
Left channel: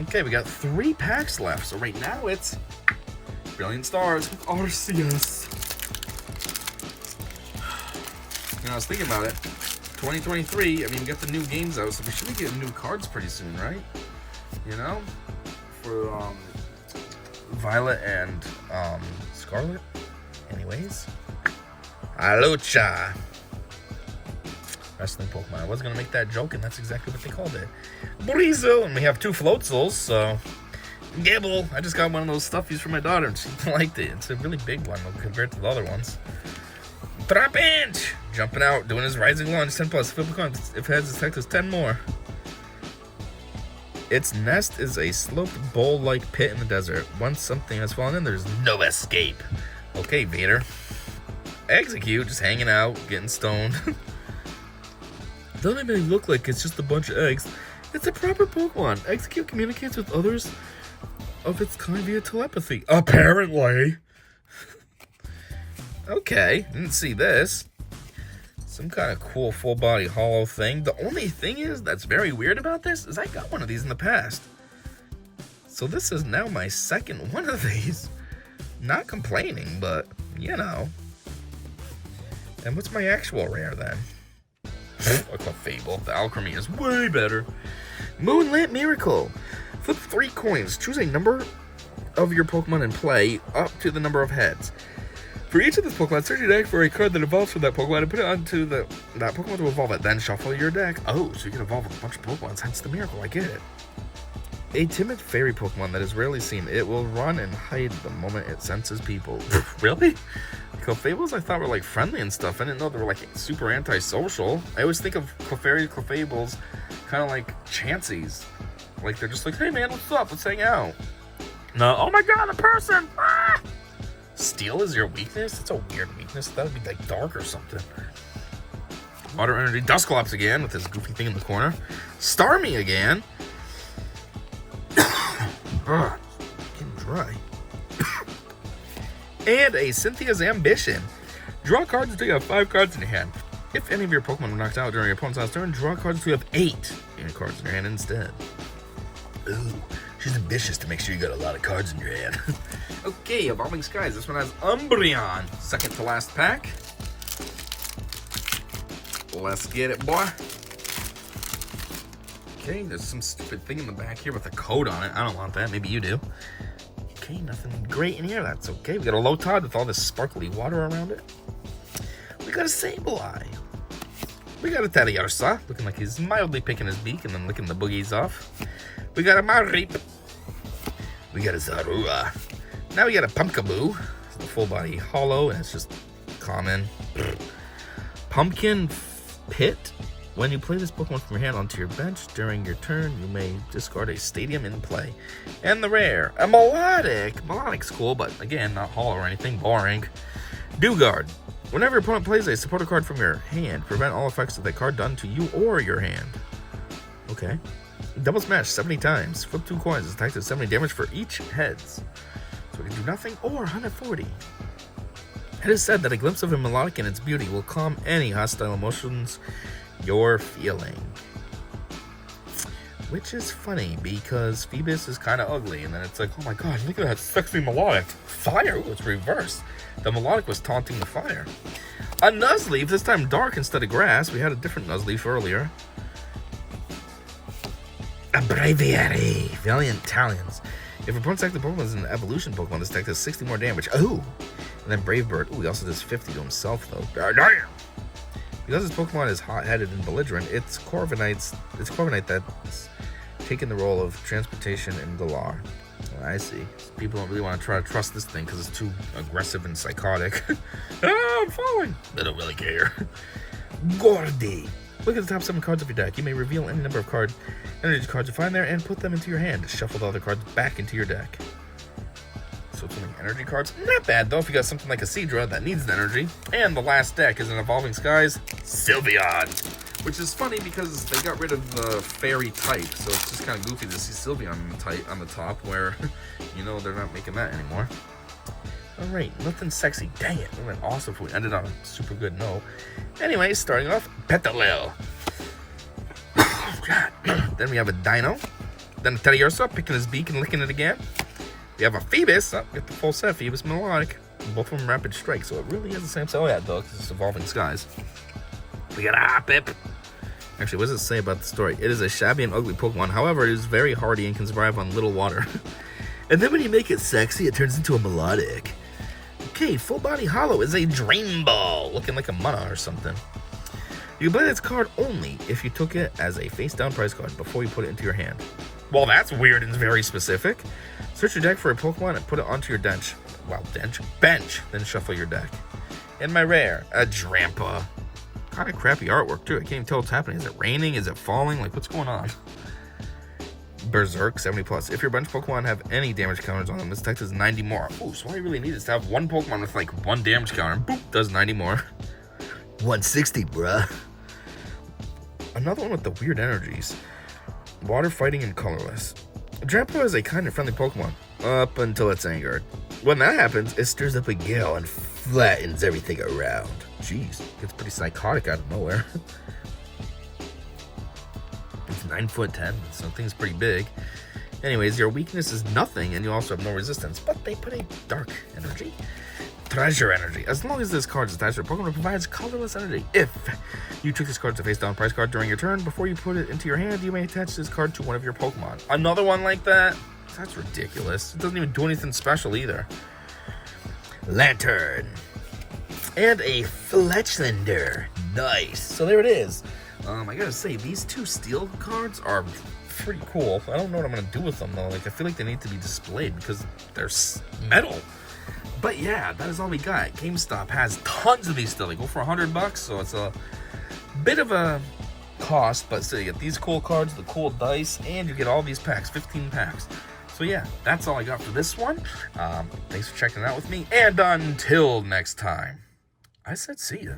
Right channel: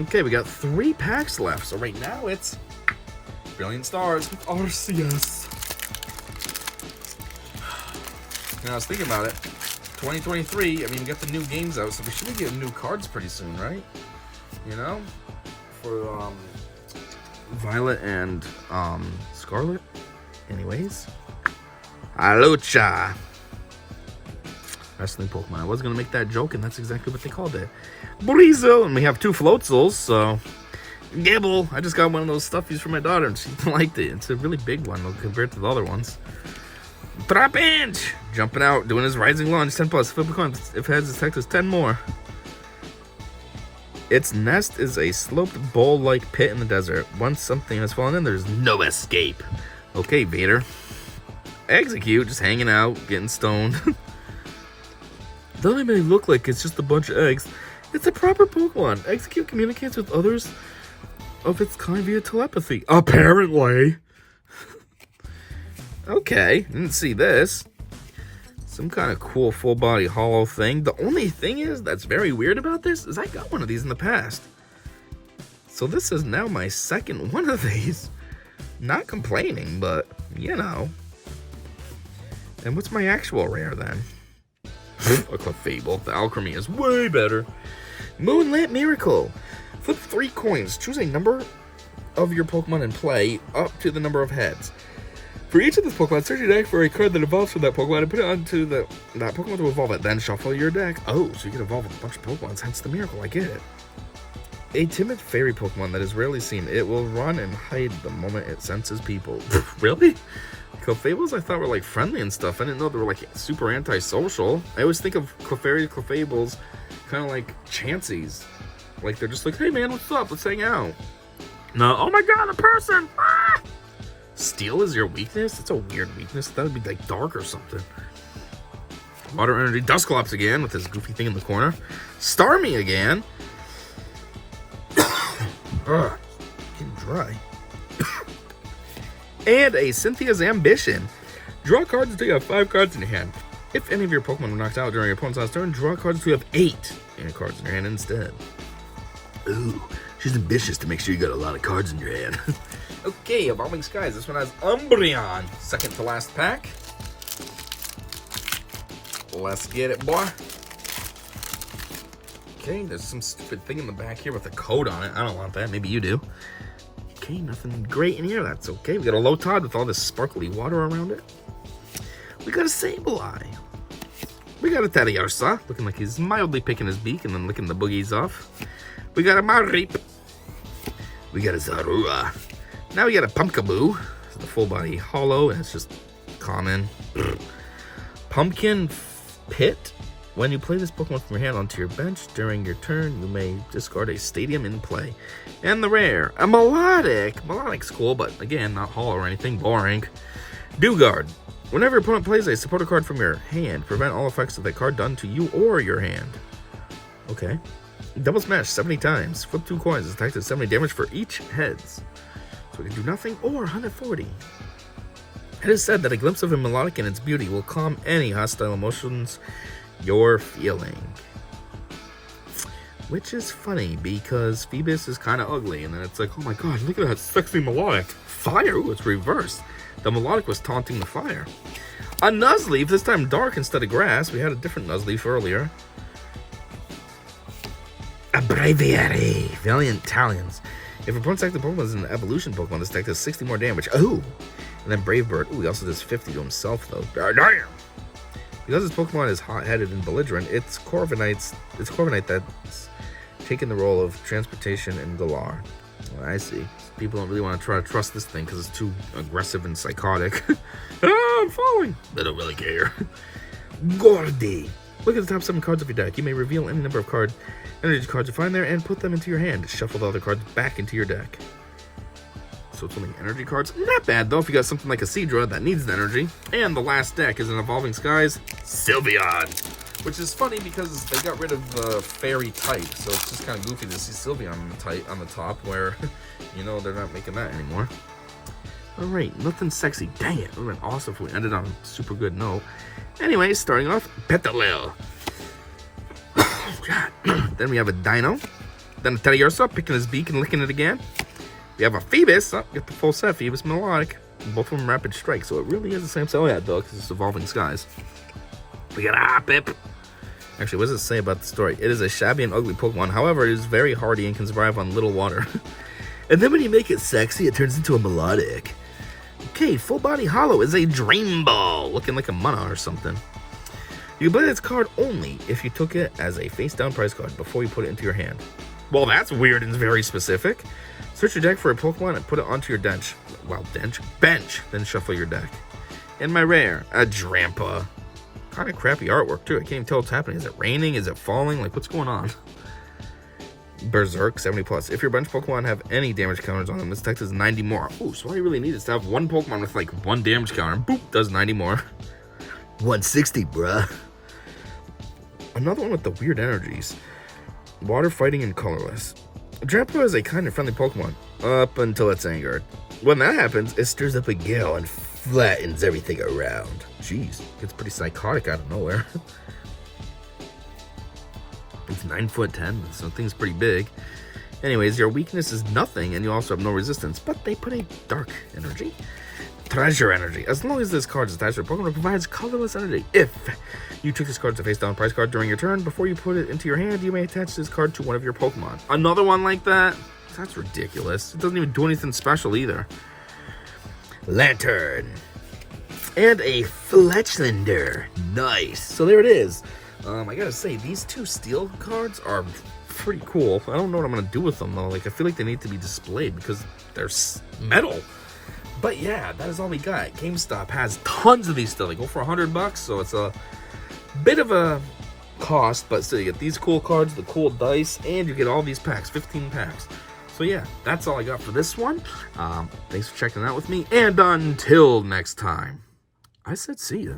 Okay, we got 3 packs left. So right now it's Brilliant Stars with Arceus. And I was thinking about it. 2023, I mean, we got the new games out, so we should be getting new cards pretty soon, right? You know? For Violet and Scarlet. Anyways. Alucha. Wrestling Pokemon. I was going to make that joke, and that's exactly what they called it. Breezel, and we have 2 Floatzels, so... Gibble, I just got one of those stuffies for my daughter, and she liked it. It's a really big one compared to the other ones. Trapinch! Jumping out, doing his Rising Launch, 10 plus. Flip a coin. If heads, its attack is 10 more. Its nest is a sloped bowl-like pit in the desert. Once something has fallen in, there's no escape. Okay, Vader. Execute, just hanging out, getting stoned. Though it may look like it's just a bunch of eggs, it's a proper Pokemon. Execute communicates with others of its kind via telepathy. Apparently. Okay, didn't see this. Some kind of cool full body hollow thing. The only thing is that's very weird about this is I got one of these in the past. So this is now my second one of these. Not complaining, but you know. And what's my actual rare then? A Clefable. The Alchemy is way better. Moonlit Miracle. Flip 3 coins. Choose a number of your Pokemon in play up to the number of heads. For each of these Pokemon, search your deck for a card that evolves from that Pokemon and put it onto that Pokemon to evolve it. Then shuffle your deck. Oh, so you can evolve with a bunch of Pokemon. Hence the miracle. I get it. A timid fairy Pokemon that is rarely seen. It will run and hide the moment it senses people. Really? Clefables I thought were like friendly and stuff. I didn't know they were like super antisocial. I always think of Clefables kind of like Chanseys. Like they're just like, hey man, what's up? Let's hang out. No, oh my god, a person! Ah! Steel is your weakness? It's a weird weakness. That would be like dark or something. Water Energy. Dusclops again with his goofy thing in the corner. Starmie again. Ugh, getting dry. And a Cynthia's Ambition. Draw cards until you have 5 cards in your hand. If any of your Pokemon were knocked out during your opponent's last turn, draw cards until you have 8 cards in your hand instead. Ooh, she's ambitious to make sure you got a lot of cards in your hand. Okay, Evolving Skies. This one has Umbreon. Second to last pack. Let's get it, boy. Okay, there's some stupid thing in the back here with a code on it. I don't want that. Maybe you do. Okay, nothing great in here. That's okay. We got a Lotad with all this sparkly water around it. We got a Sableye. We got a Teddiursa, looking like he's mildly picking his beak and then licking the boogies off. We got a Mareep. We got a Zorua. Now we got a Pumpkaboo. It's the full body hollow, and it's just common. Pumpkin Pit. When you play this Pokemon from your hand onto your bench during your turn, you may discard a Stadium in play. And the rare, a Melodic. Melodic's cool, but again, not hollow or anything. Boring. Dewguard. Whenever your opponent plays a supporter card from your hand, prevent all effects of that card done to you or your hand. Okay. Double Smash 70 times. Flip 2 coins. Attack to 70 damage for each heads. So we can do nothing or 140. It is said that a glimpse of a Melodic and its beauty will calm any hostile emotions you're feeling. Which is funny because Phoebus is kind of ugly, and then it's like, oh my god, look at that sexy Melodic. Fire? Ooh, it's reversed. The Melodic was taunting the fire. A Nuzleaf, this time dark instead of grass. We had a different Nuzleaf earlier. A Braviary. Valiant Talons. If a opponent's active Pokemon is an evolution Pokemon, this deck does 60 more damage. Oh! And then Brave Bird. Ooh, he also does 50 to himself, though. Damn! Because this Pokemon is hot-headed and belligerent, it's Corviknight that's taken the role of transportation in Galar. Well, I see. People don't really want to try to trust this thing because it's too aggressive and psychotic. I'm falling! They don't really care. Gordy! Look at the top 7 cards of your deck. You may reveal any number of energy cards you find there and put them into your hand. Shuffle the other cards back into your deck. So it's only energy cards. Not bad, though, if you got something like a Seadra that needs the energy. And the last deck is an Evolving Skies Sylveon. Which is funny because they got rid of the fairy type. So it's just kind of goofy to see Sylveon on the top where, you know, they're not making that anymore. Alright, nothing sexy. Dang it. It would have been awesome if we ended on a super good note. Anyway, starting off, Petalil. Oh, God. Then we have a Dino. Then a Teddiursa, picking his beak and licking it again. We have a Phoebus. Oh, get the full set. Phoebus Melodic. Both of them Rapid Strike, so it really is the same set. Oh, yeah, though, because it's Evolving Skies. We got a Hoppip. Actually, what does it say about the story? It is a shabby and ugly Pokemon. However, it is very hardy and can survive on little water. And then when you make it sexy, it turns into a Melodic. Okay, Full Body Hollow is a Dream Ball, looking like a mana or something. You can play this card only if you took it as a face-down prize card before you put it into your hand. Well, that's weird and very specific. Search your deck for a Pokemon and put it onto your bench. Well, bench. Then shuffle your deck. And my rare, a Drampa. Kind of crappy artwork, too. I can't even tell what's happening. Is it raining? Is it falling? Like, what's going on? Berserk, 70 plus. If your bench Pokemon have any damage counters on them, this deck does 90 more. Ooh, so all you really need is to have one Pokemon with like 1 damage counter, and boop, does 90 more. 160, bruh. Another one with the weird energies. Water fighting and colorless. Drampa is a kind and friendly Pokemon, up until it's angered. When that happens, it stirs up a gale and flattens everything around. Jeez, gets pretty psychotic out of nowhere. It's 9'10", so thing's pretty big. Anyways, your weakness is nothing, and you also have no resistance, but they put a dark energy. Treasure energy. As long as this card is attached to a Pokemon, it provides colorless energy. If you took this card as a face-down prize card during your turn, before you put it into your hand, you may attach this card to one of your Pokemon. Another one like that? That's ridiculous. It doesn't even do anything special either. Lantern. And a Fletchlander. Nice. So there it is. I gotta say, these 2 steel cards are pretty cool. I don't know what I'm gonna do with them, though. Like, I feel like they need to be displayed because they're metal. But yeah, that is all we got. GameStop has tons of these still. They go for $100, so it's a bit of a cost, but still, you get these cool cards, the cool dice, and you get all these packs, 15 packs. So yeah, that's all I got for this one. Thanks for checking it out with me, and until next time, I said see ya.